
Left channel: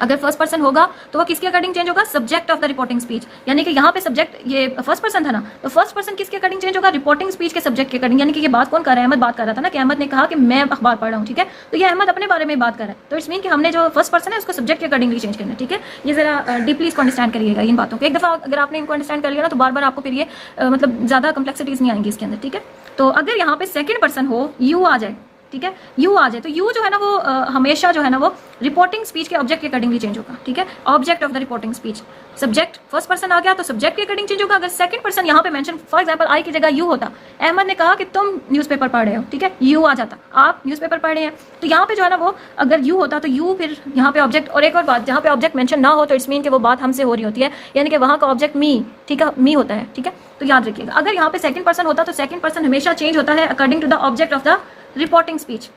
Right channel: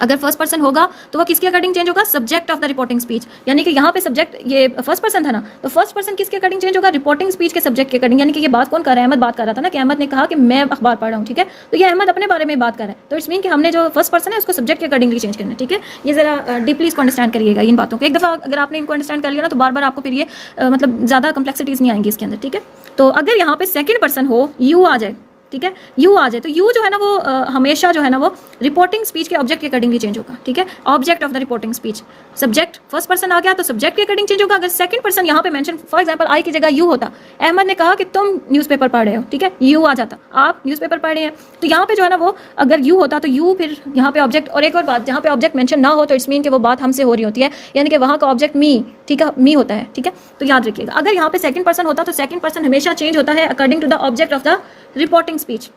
अगर फर्स्ट पर्सन होगा तो वो किसके अकॉर्डिंग चेंज होगा? Subject of the reporting speech. यानी कि यहाँ पे सब्जेक्ट ये फर्स्ट पर्सन था ना, तो फर्स्ट पर्सन किसके अकॉर्डिंग चेंज होगा? रिपोर्टिंग स्पीच के सब्जेक्ट के अकॉर्डिंग। यानी कि ये बात कौन कर रहा है? अहमद बात कर रहा था ना, कि अहमद ने कहा कि मैं अखबार पढ़ रहा हूँ, ठीक है। तो ये अहमद अपने बारे में बात कर रहा है, तो इट्स मीन कि हमने जो फर्स्ट पर्सन है उसको सब्जेक्ट के अकॉर्डिंगली चेंज करना है, ठीक है। ये जरा डीपली इसको अंडरस्टैंड करिएगा इन बातों को। एक दफ़ा अगर आपने इनको अंडरस्टैंड कर लिया ना तो बार बार आपको फिर ये मतलब ज़्यादा कम्प्लेक्सिटीज़ नहीं आएंगी इसके अंदर, ठीक है। तो अगर यहाँ पे सेकंड पर्सन हो, यू आ जाए, ठीक है, यू आ जाए, तो यू जो है ना वो हमेशा जो है ना वो रिपोर्टिंग स्पीच के ऑब्जेक्ट के अकॉर्डिंगली चेंज होगा, ठीक है। Object of the reporting speech, subject first person आ गया तो सब्जेक्ट के अकॉर्डिंग चेंज होगा। अगर सेकंड पर्सन यहाँ पे मेंशन, फॉर एग्जांपल आई की जगह यू होता, अहमद ने कहा कि तुम न्यूज़पेपर पढ़ रहे हो, ठीक है, यू आ जाता, आप न्यूज़पेपर पढ़ रहे हैं। तो यहाँ पे जो है ना वो अगर यू होता तो यू फिर यहाँ पे ऑब्जेक्ट। और एक और बात, जहाँ पे ऑब्जेक्ट मेंशन ना हो तो इट्स मीन कि वो बात हमसे हो रही होती है, यानी कि वहाँ का ऑब्जेक्ट मी, ठीक है, मी होता है, ठीक है। तो याद रखिएगा, अगर यहाँ पे सेकंड पर्सन होता तो सेकंड पर्सन हमेशा चेंज होता है according to the object of the reporting speech.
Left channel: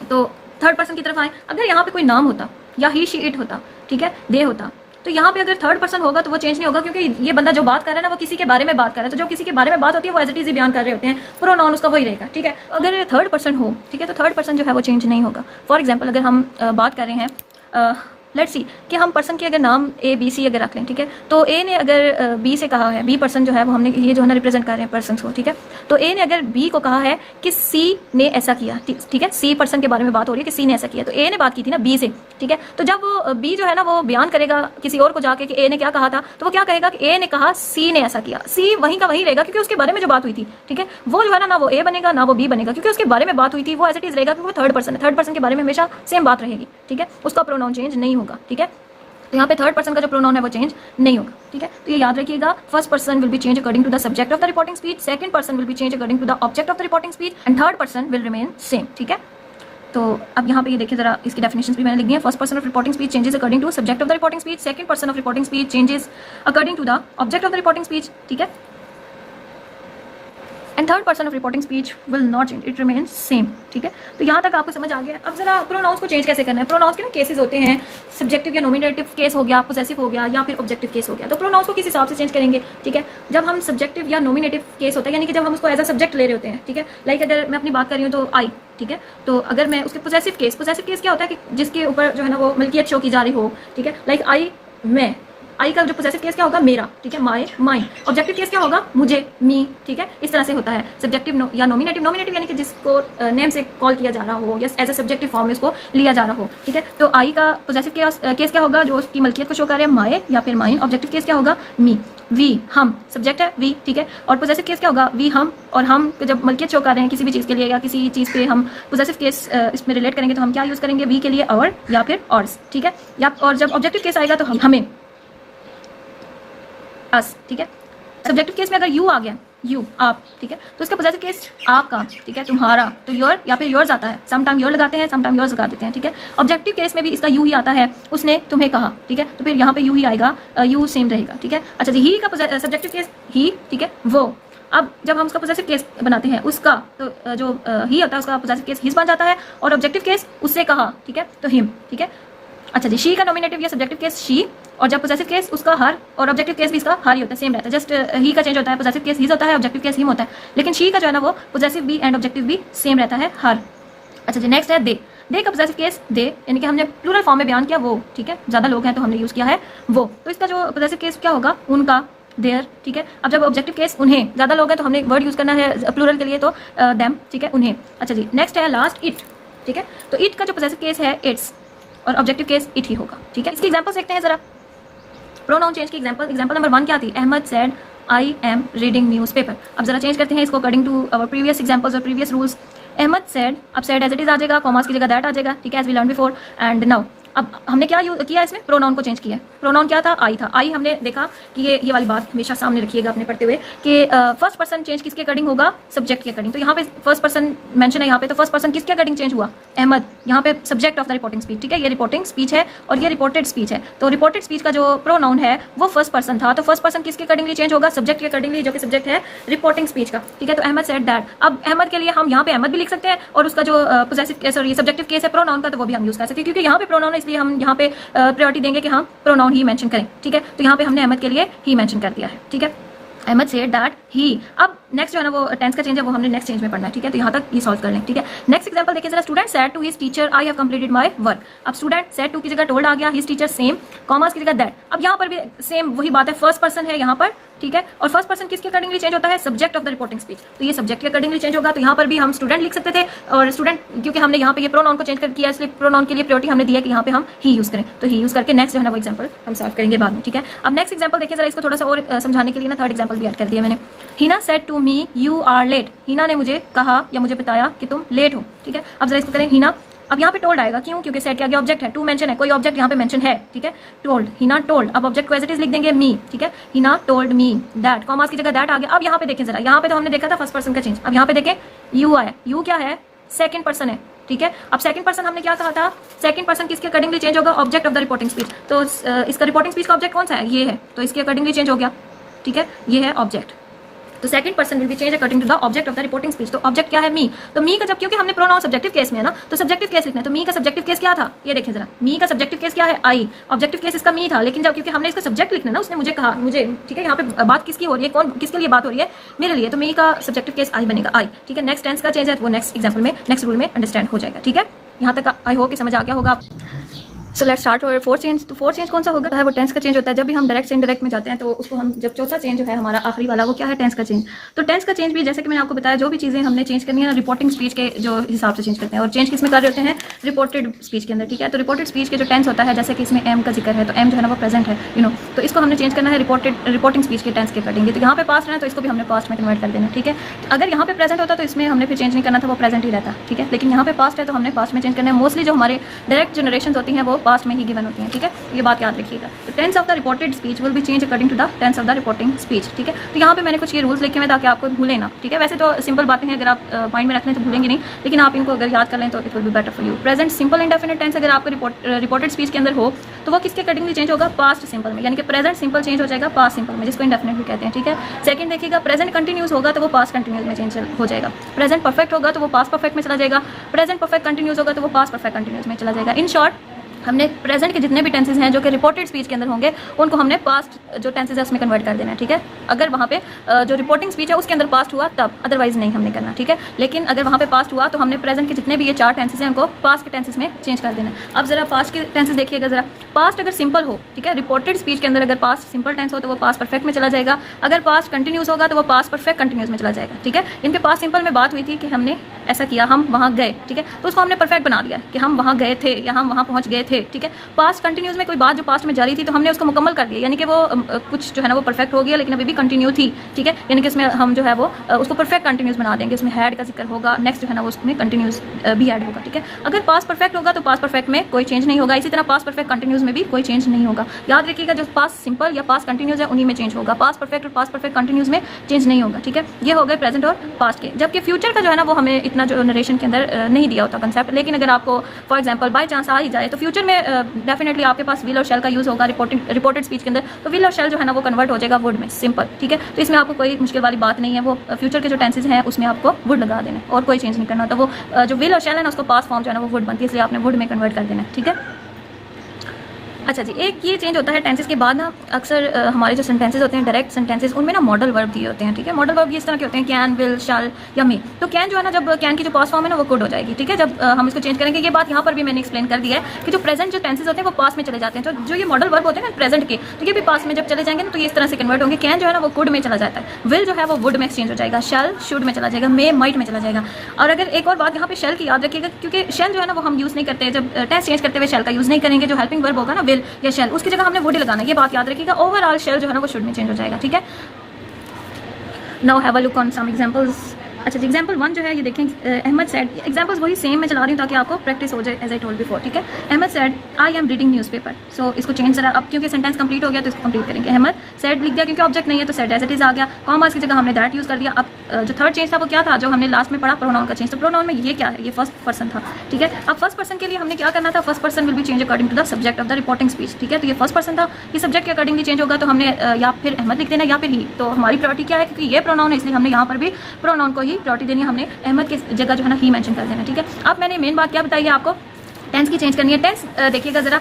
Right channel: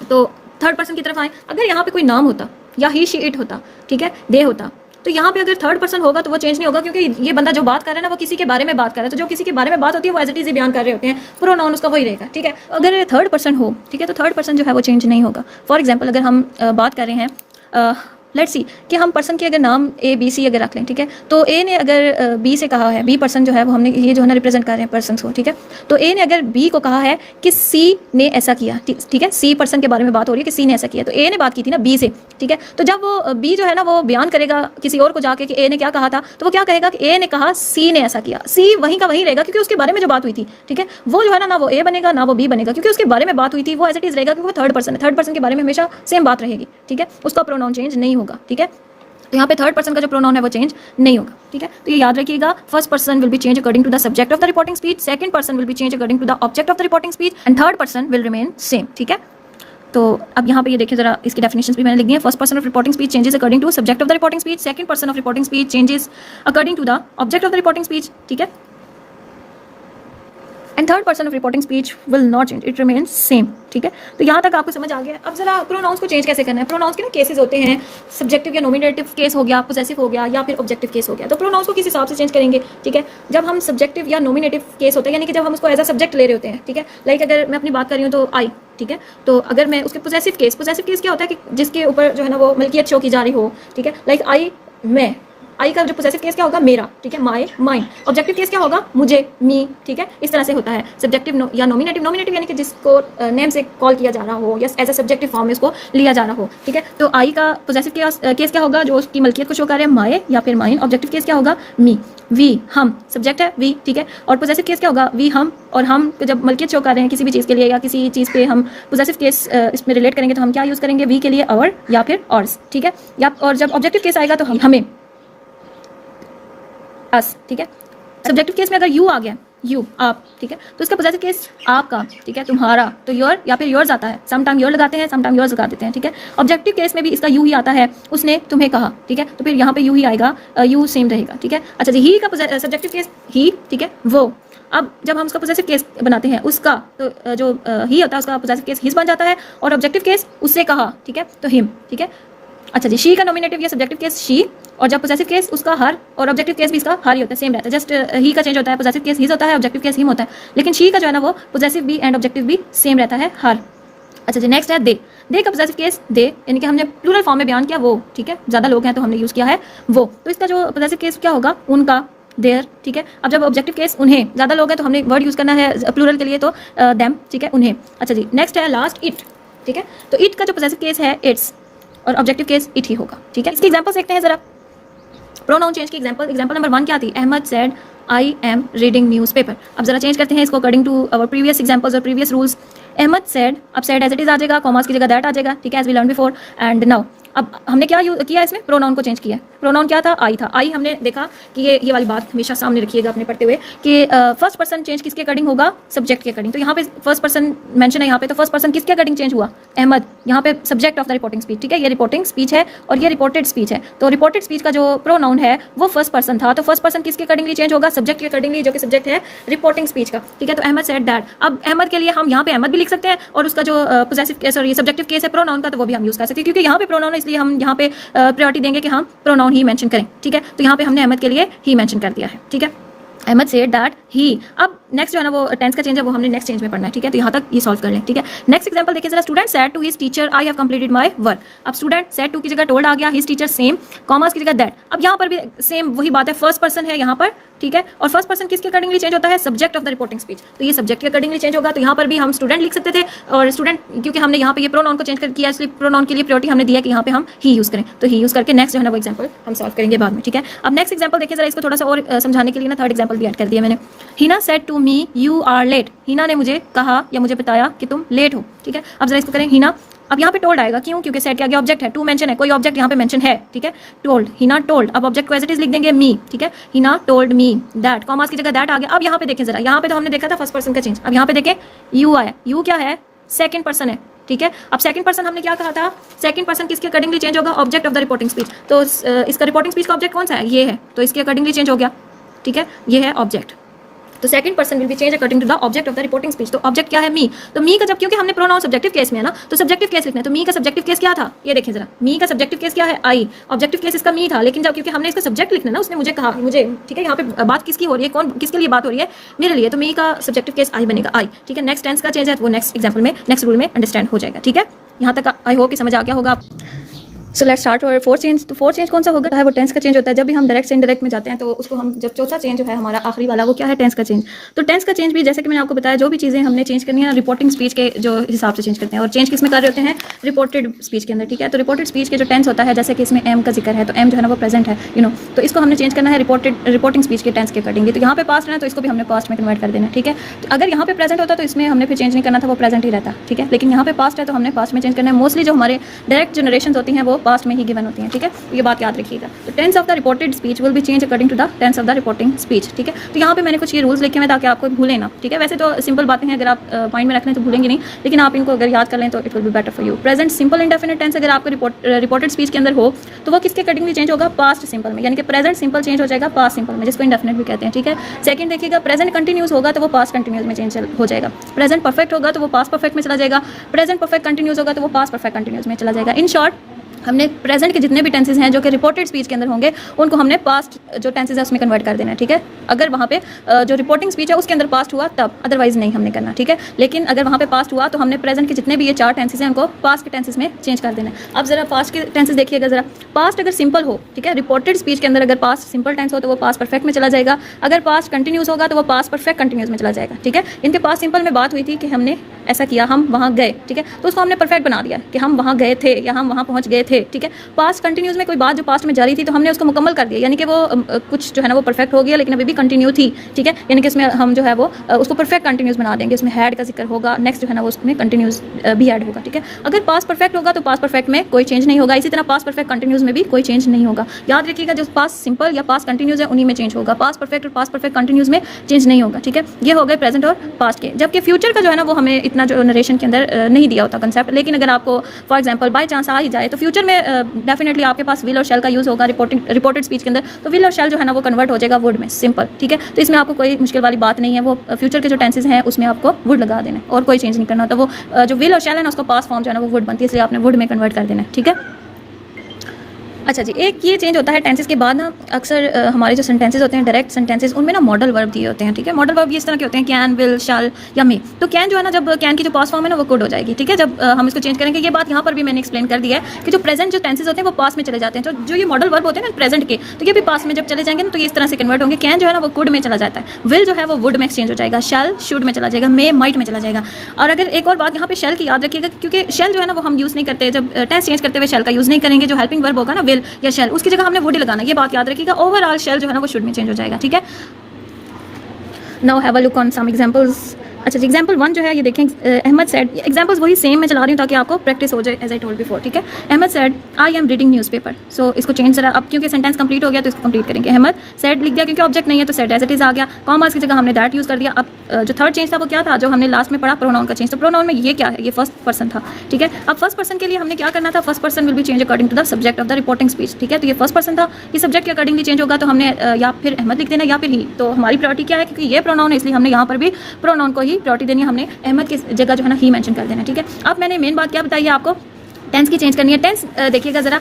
तो थर्ड पर्सन की तरफ आए, अगर यहाँ पे कोई नाम होता या ही, शी, इट होता, ठीक है, दे होता, तो यहाँ पे अगर थर्ड पर्सन होगा तो वो चेंज नहीं होगा, क्योंकि ये बंदा जो बात कर रहा है ना वो किसी के बारे में बात कर रहा है। तो जो किसी के बारे में बात होती है वो एज इट इज ही बयान कर रहे होते हैं, प्रोनाउन उसका वही रहेगा, ठीक है। अगर थर्ड पर्सन हो, ठीक है, तो थर्ड पर्सन जो है वो चेंज नहीं होगा। फॉर एग्जाम्पल अगर हम बात कर रहे हैं, लेट्स सी कि हम पर्सन के अगर नाम A B C अगर रख लें, ठीक है, तो A ने अगर B से कहा है, B पर्सन जो है वो हमने ये जो है ना रिप्रेजेंट कर रहे हैं पर्सन को, ठीक है। तो A ने अगर B को कहा है कि C ने ऐसा किया, ठीक है, C पर्सन के बारे में बात हो रही है कि C ने ऐसा किया, तो A ने बात की थी ना B से, ठीक है। तो जब वो B जो है ना वो बयान करेगा किसी और को जाके कि A ने क्या कहा था, तो वो क्या कहेगा कि A ने कहा C ने ऐसा किया। C वहीं का वहीं रहेगा क्योंकि उसके बारे में जो बात हुई थी, ठीक है, वो जो है ना वो A बनेगा ना वो B बनेगा, क्योंकि उसके बारे में बात हुई थी, वो एज इट इज रहेगा क्योंकि वो थर्ड पर्सन है। थर्ड पर्सन के बारे में हमेशा सेम बात रहेगी, ठीक है, उसका प्रोनाउन चेंज नहीं होगा, ठीक है। तो यहाँ पे थर्ड पर्सन का जो प्रोनाउन है वो चेंज नहीं होगा, ठीक है। तो ये याद रखिएगा, first person will be change according to the subject of the reporting speech, second person will be change according to the object of the reporting speech and third person will remain same, ठीक है। तो अब यहाँ पे ये देखिए जरा इसकी डेफिनेशंस भी मैंने लिख दी है। First person of reporting speech changes according to subject of the reporting speech, second person of reporting speech changes according to the object of the reporting speech, ठीक है। And third person of reporting speech will not change, it remains same, ठीक है। तो यहाँ तक आपको समझ आ गया। अब जरा प्रोनाउंस को चेंज कैसे करना है। प्रोनाउंस के ना केसेस होते हैं, सब्जेक्टिव या नोमिनेटिव केस हो गया, पोजेसिव हो गया या फिर ऑब्जेक्टिव केस हो गया। तो प्रोनाउंस को किस हिसाब से चेंज करेंगे, ठीक है। जब हम सब्जेक्टिव या नोमिनेटिव केस होता है, यानी कि जब हम उसको एज अ सब्जेक्ट ले रहे होते हैं, ठीक है। लाइक अगर मैं अपनी बात कर रही हूँ तो आई, ठीक है, तो अगर मैं उसके पोजेसिव केस क्या होता है कि जिसके ऊपर जो है ना वो मिल्कियत शो की जा रही हो, ठीक है। लाइक आई, मैं, आई का जो पोजेसिव केस क्या होगा, मेरा, ठीक है, माय, माइन। ऑब्जेक्टिव केस क्या होगा, मुझे, मी, ठीक है। इस तरह से होता है सब्जेक्टिव या नोमिनेटिव यानी कि जिसको नेम से कॉल किया जा रहा हो या एज अ सब्जेक्टिव फॉर्म में उसको लिया जा रहा हो, ठीक है। तो आई का पोजेसिव केस क्या होगा, जो उसकी मलकियत को शो कर रहे हैं, माय या फिर माइन। ऑब्जेक्टिव केस क्या होगा, मी, वी, हम, सब्जेक्ट है वी, ठीक है। और पोजेसिव केस क्या होगा, वी, हम। और हम जब मलकियत शो कर रहे हैं किसी भी चीज़ के लिए या किसी चीज़ पे हम पोजेसिव केस इसमें रिलेट करेंगे तो हम क्या यूज़ करेंगे, वी के लिए और या फिर ऑर्स, ठीक है। या और जब ऑब्जेक्टिव केस आएगा तो हम, हमें, अस, ठीक है। सब्जेक्टिव केस में अगर यू आ गया, यू, आप, ठीक है, तो उसका पोजेसिव केस आपका, ठीक है, तुम्हारा, तो योर या फिर योर्स आता है। सम टाइम योर लगाते हैं, सम टाइम योर्स लगा देते हैं, ठीक है। ऑब्जेक्टिव केस में भी इसका यू ही आता है, उसने तुम्हें कहा, ठीक है, तो फिर यहाँ पे यू ही आएगा, यू सेम रहेगा, ठीक है। अच्छा जी, ही का सब्जेक्टिव केस ही, ठीक है, वो। अब जब हम उसका पोजेसिव केस बनाते हैं उसका तो जो ही होता है उसका पोजेसिव केस हिज बन जाता है और ऑब्जेक्टिव केस उससे कहा, ठीक है, तो हिम, ठीक है। अच्छा जी, शी का नॉमिनेटिव या सब्जेक्टिव केस शी, और जब पोजेसिव केस उसका हर और ऑब्जेक्टिव केस भी इसका हर ही होता है, सेम रहता है। जस्ट ही का चेंज होता है, पोजेसिव केस हिज होता है, ऑब्जेक्टिव केस हिम होता है, लेकिन शी का जो है ना वो पोजेसिव भी एंड ऑब्जेक्टिव भी सेम रहता है, हर। अच्छा जी, नेक्स्ट है दे। दे का पोजेसिव केस दे, यानी कि हमने प्लूरल फॉर्म में बयान किया वो, ठीक है, ज़्यादा लोग हैं तो हमने यूज़ किया है वो, तो इसका जो पोजेसिव केस क्या होगा, उनका, देयर, ठीक है। अब जब ऑब्जेक्टिव केस उन्हें, ज़्यादा लोग हैं तो हमने वर्ड यूज़ करना है प्लूरल के लिए, तो देम, ठीक है, उन्हें। अच्छा जी, नेक्स्ट है लास्ट इट, ठीक है, तो इट का जो पोजेसिव केस है इट्स और ऑब्जेक्टिव केस इट ही होगा, ठीक है। इसकी एग्जांपल्स देखते हैं जरा। प्रोनाउन चेंज की एग्जांपल नंबर 1 क्या थी, Ahmed said I am reading newspaper. अब जरा चेंज करते हैं इसको according to our previous examples और प्रीवियस रूल्स। अहमद सेड, अब सेड एज इट इज आ जाएगा, कॉमास की जगह दैट आ जाएगा, ठीक है, as we learn before. And now अब हमने क्या किया इसमें, प्रोनाउन को चेंज किया। प्रोनाउन क्या था, आई था। आई हमने देखा कि ये वाली बात हमेशा सामने रखिएगा अपने पढ़ते हुए कि फर्स्ट पर्सन चेंज किसके अकॉर्डिंग होगा, सब्जेक्ट के अकॉर्डिंग। तो यहाँ पे फर्स्ट पर्सन मेंशन है यहाँ पे, तो फर्स्ट पर्सन किसके अकॉर्डिंग चेंज हुआ, अहमद, यहाँ पे subject of the reporting speech, ठीक है, ये रिपोर्टिंग स्पीच है और ये रिपोर्टेड स्पीच है। तो रिपोर्टेड स्पीच का जो प्रोनाउन है वो फर्स्ट पर्सन था, तो फर्स्ट पर्सन किसके अकॉर्डिंगली चेंज होगा, सब्जेक्ट के अकॉर्डिंगली, जो कि सब्जेक्ट है रिपोर्टिंग स्पीच का, ठीक है। तो अहमद सेड दैट, अब अहमद के लिए हम यहाँ पे अहमद भी लिख सकते हैं और उसका जो पोजेसिव सॉरी सब्जेक्टिव केस है प्रोनाउन का, तो वो भी हम यूज कर सकते हैं, क्योंकि यहाँ पे प्रोनाउन है इसलिए हम यहाँ पे प्रायोरिटी देंगे कि हम प्रोनाउन ही मेंशन करें, ठीक है। तो यहाँ पे हमने अहमद के लिए ही मेंशन कर दिया है, ठीक है। Ahmed said that he. अब नेक्स्ट जो है ना वो टेंस का चेंज है, वो हमने नेक्स्ट चेंज में पढ़ना है, ठीक है। तो यहाँ तक ये सॉल्व कर लें, ठीक है। नेक्स्ट एग्जांपल देखिए जरा, student said to his teacher I have completed my work. अब स्टूडेंट सेड टू की जगह टोल्ड आ गया, हिज टीचर सेम, कॉमर्स की जगह दैट। अब यहाँ पर भी सेम वही बात है, फर्स्ट पर्सन है यहाँ पर, ठीक है, और फर्स्ट पर्सन किसके अकॉर्डिंगली चेंज होता है, subject of the reporting speech, तो ये सब्जेक्ट के अकॉर्डिंगली चेंज होगा। तो यहाँ पर भी हम स्टूडेंट लिख सकते थे, और स्टूडेंट क्योंकि हमने यहाँ पे ये प्रोनाउन को चेंज कर किया, इसलिए प्रोनाउन के लिए प्रायोरिटी हमने दिया कि यहाँ पे हम ही यूज करें, तो ही यूज करके नेक्स्ट जो है ना वो एग्जाम्पल हम सॉल्व करेंगे बाद में, ठीक है। अब नेक्स्ट एग्जाम्पल देखिए जरा, इसको थोड़ा सा और समझाने के लिए ना थर्ड एग्जाम्पल भी ऐड कर दिया मैंने। Heena said to me you are late. Heena ने मुझे कहा या मुझे बताया कि तुम लेट हो, ठीक है। अब जरा इसको करें, हिना, अब यहाँ पे टोल्ड आएगा, क्यों, क्योंकि सेड के आगे ऑब्जेक्ट है, टू मेंशन है, कोई ऑब्जेक्ट यहाँ पे मेंशन है, ठीक है। टोल्ड, हिना टोल्ड, अब ऑब्जेक्ट को एज इट इज लिख देंगे मी, ठीक है। Hina told me that, commerce की जगह दैट आ गया। अब यहाँ पे देखें जरा, यहाँ पे तो हमने देखा था फर्स्ट पर्सन का चेंज, अब यहाँ पे देखें यू आया, यू क्या है, सेकंड पर्सन है, ठीक है। अब सेकंड पर्सन हमने क्या कहा था, सेकंड पर्सन किसके अकॉर्डिंगली चेंज होगा, object of the reporting speech. तो इसका रिपोर्टिंग स्पीच का ऑब्जेक्ट कौन सा है, ये है, तो इसके अकॉर्डिंगली चेंज हो गया, ठीक है, ये है ऑब्जेक्ट। तो second person will be change according to the object of the reporting speech. तो ऑब्जेक्ट क्या है, मी, तो मी का जब, क्योंकि हमने प्रोनाउन सब्जेक्टिव केस में है ना, तो सब्जेक्टिव केस लिखना है, तो मी का सब्जेक्टिव केस क्या था, ये देखिए जरा, मी का सब्जेक्टिव केस क्या है, आई, ऑब्जेक्टिव केस इसका मी था, लेकिन जब क्योंकि हमने इसका सब्जेक्ट लिखना है ना, उसने मुझे कहा, मुझे, ठीक है, यहाँ पे बात किसकी हो रही है, कौन किसके लिए बात हो रही है, मेरे लिए, तो मी का सब्जेक्टिव केस आई बनेगा, आई, ठीक है। नेक्स्ट टेंस का चेंज है वो नेक्स्ट एग्जाम्पल में, नेक्स्ट रूल में अंडरस्टैंड हो जाएगा, ठीक है। यहाँ तक आई होप कि समझ आ गया होगा। सो लेट्स स्टार्ट और फोर्थ चेंज। तो फोर्थ चेंज कौन सा होगा, है वो टेंस का चेंज होता है। जब भी हम डायरेक्ट से इनडायरेक्ट में जाते हैं तो उसको हम, जब चौथा चेंज जो है हमारा आखिरी वाला, वो क्या है, टेंस का चेंज। तो टेंस का चेंज भी जैसे कि मैंने आपको बताया, जो भी चीज़ें हमने चेंज करनी है रिपोर्टिंग स्पीच के जो हिसाब से चेंज करते हैं, और चेंज किस में कर रहे होते हैं, रिपोर्टेड स्पीच के अंदर, ठीक है। तो रिपोर्टेड स्पीच के जो टेंस होता है, जैसे कि इसमें एम का जिक्र है, तो एम जो है ना वो प्रेजेंट है, यू नो, तो इसको हमने चेंज करना है रिपोर्टिंग स्पीच के टेंस के अकॉर्डिंग। तो यहाँ पे पास्ट है तो इसको भी हमने पास्ट में कन्वर्ट कर देना है, ठीक है। तो अगर यहाँ पे प्रेजेंट होता तो इसमें हमने फिर चेंज नहीं करना था, वो प्रेजेंट ही रहता, ठीक है। लेकिन यहाँ पे पास्ट है तो हमने पास्ट में चेंज करना है। मोस्टली जो हमारे डायरेक्ट जनरेशन होती हैं वो पास्ट में ही गिवन होती हैं, ठीक है, ये बात याद रखिएगा। तो tense of the reported speech will be change according to the tense of the reporting speech, ठीक है। तो यहाँ पे मैंने कुछ ये रूल्स लिखे हैं ताकि आपको भूलें ना, ठीक है। वैसे तो सिंपल बातें हैं, अगर आप माइंड में रख लें तो भूलेंगे नहीं, लेकिन आप इनको अगर याद कर लें तो it will be better for you. Present simple indefinite tense अगर आपको रिपोर्टेड स्पीच के अंदर हो तो वो किसके अकॉर्डिंगली चेंज होगा, पास्ट सिंपल में, यानी कि प्रेजेंट सिंपल चेंज हो जाएगा पास्ट सिंपल में, जिसको इंडेफिनिट भी कहते हैं, ठीक है। सेकंड देखिएगा, प्रेजेंट कंटिन्यूस होगा तो वो पास्ट कंटिन्यूस में चेंज हो जाएगा। प्रेजेंट परफेक्ट होगा तो वो पास्ट परफेक्ट में चला जाएगा। प्रेजेंट परफेक्ट कंटिन्यूस होगा तो वो पास्ट परफेक्ट कंटिन्यूस में चला जाएगा। इन शॉर्ट, हमने प्रेजेंट के जितने भी टेंसेज हैं जो कि रिपोर्टेड स्पीच के अंदर होंगे, उनको हमने पास्ट जो टेंसेज है उसमें कन्वर्ट कर देना है, ठीक है। अगर वहाँ पे जो रिपोर्टिंग स्पीच है उसके अंदर पास्ट हुआ तब, अदरवाइज नहीं हमने करना, ठीक है। लेकिन अगर वहाँ पे पास्ट हुआ तो हमने प्रेजेंट के जितने भी ये 4 टेंसेज हैं उनको पास्ट के टेंसेज में चेंज कर देना है। अब जरा पास्ट के टेंसेज देखिएगा जरा, पास्ट अगर सिंपल हो, ठीक है, रिपोर्टेड स्पीच के अंदर अगर पास्ट सिंपल टेंस हो तो वो पास्ट परफेक्ट में चला जाएगा। अगर पास्ट कंटिन्यूस होगा तो वो पास्ट परफेक्ट कंटिन्यूस में चला जाएगा, ठीक है। इनके पास्ट सिंपल में बात हुई थी कि हमने ऐसा किया, हम वहाँ गए, ठीक है, तो उसको हमने परफेक्ट बना दिया कि हम वहाँ गए थे या हम वहाँ पहुँच गए थे, ठीक है। पास्ट कंटिन्यूस में कोई बात जो पास्ट में जारी थी तो हमने उसको मुकम्मल कर दिया, यानी कि वो कुछ जो है ना वो परफेक्ट हो गया लेकिन अभी भी कंटिन्यू थी, ठीक है। यानी कि इसमें हम जो है वो उसको परफेक्ट कंटिन्यूस बना देंगे, उसमें हैड का जिक्र होगा, नेक्स्ट जो है ना वो उसमें कंटिन्यूस भी ऐड होगा, ठीक है। अगर पास्ट परफेक्ट होगा तो पास्ट परफेक्ट में कोई चेंज नहीं होगा, इसी तरह पास्ट परफेक्ट कंटिन्यूस में भी कोई चेंज नहीं होगा। याद रखिएगा, जो पास्ट सिंपल या पास्ट कंटिन्यूस है उन्हीं में चेंज होगा, पास्ट परफेक्ट और पास्ट परफेक्ट कंटिन्यूस में चेंज नहीं होगा, ठीक है। ये हो गए प्रेजेंट और पास्ट के। जबकि फ्यूचर का जो है ना वो हमें इतनी अपना जो नरेशन के अंदर नहीं दिया होता कंसेप्ट। लेकिन अगर आपको फॉर एग्जांपल बाय चांस आ ही जाए तो फ्यूचर में डेफिनेटली आपके पास विल और शेल का यूज़ होगा रिपोर्टेड स्पीच के अंदर, तो विल और शेल जो है ना वो कन्वर्ट हो जाएगा वुड में, सिंपल, ठीक है। तो इसमें आपको कोई मुश्किल वाली बात नहीं है, वो फ्यूचर के जो टेंसेज हैं उसमें आपको वुड लगा देना है और कोई चेंज नहीं करना होता। वो जो विल और शेल है ना उसको पास फॉर्म जो है ना वो वुड बनती है, इसलिए आपने वुड में कन्वर्ट कर देना है, ठीक है। अच्छा जी, एक ये चेंज होता है टेंसेस के बाद ना, अक्सर हमारे जो सेंटेंसेस होते हैं डायरेक्ट सेंटेंसेस, उनमें ना मॉडल वर्ब दिए होते हैं, ठीक है। मॉडल वर्ब इस तरह के होते हैं कैन, विल, शैल या मे। तो कैन जो है ना, जब कैन की जो पास फॉर्म है ना वो कुड हो जाएगी, ठीक है। जब हम इसको चेंज करेंगे, ये बात यहाँ पर भी मैंने एक्सप्लेन कर दिया है कि जो प्रेजेंट जो टेंसेस होते हैं वो पास में चले जाते हैं। जो ये मॉडल वर्ब होते हैं ना प्रेजेंट के, तो ये भी पास में जब चले जाएंगे ना तो ये इस तरह से कन्वर्ट होंगे। कैन जो है ना वो कुड में चला जाता है, विल जो है वो वुड में एक्सचेंज हो जाएगा, शैल शुड में चला जाएगा, मे माइट में चला जाएगा। और अगर एक और बात यहाँ पे शेल की याद रखिएगा, क्योंकि शेल जो है ना वो हम यूज़ नहीं करते, जब टेंस चेंज करते हुए शेल का यूज़ नहीं करेंगे। जो हेल्पिंग वर्ब होगा ना विल या शेल, उसकी हमने वुड लगाना, ये बात याद रखिएगा। ओवरऑल शेल जो है ना वो शुड में चेंज हो जाएगा, ठीक है। Now have a look on some examples. अच्छा जी, एग्जाम्पल 1 जो है ये देखें, अहमद सेड, एग्जाम्पल्स वही सेम मैं चला रही हूँ ताकि आपको प्रैक्टिस हो जाए, एज आई टोल्ड बिफोर, ठीक है। Ahmed said I am reading newspaper. So इसको चेंज जरा, अब क्योंकि सेंटेंस कंप्लीट हो गया तो इसको कंप्लीट करेंगे। अहमद सेड लिख दिया क्योंकि ऑब्जेक्ट नहीं है तो सेड एज इट इज आ गया, कॉमास की जगह हमने दैट यूज़ कर दिया। अब जो थर्ड चेंज था वो क्या था, जो हमने लास्ट में पढ़ा, प्रोनाउन का चेंज। तो प्रोनाउन में ये क्या है, ये फर्स्ट पर्सन था, ठीक है। अब फर्स्ट पर्सन के लिए हमने क्या करना था, first person will be change according to the subject of the reporting speech, ठीक है। तो ये फर्स्ट पर्सन था, ये सब्जेक्ट के अकॉर्डिंगली चेंज होगा, तो हमने या फिर अहमद लिख देना या फिर ही। तो हमारी प्रायोरिटी क्या है, क्योंकि ये प्रोनाउन है इसलिए हमने यहाँ पर भी प्रोनाउन को ही प्रायोरिटी देनी है, हमने अहमद की जगह जो है ना ही मेंशन कर देना, ठीक है। अब मैंने मेन बात क्या बताई है आपको, टेंस की चेंज करनी है। टेंस देखिएगा जरा,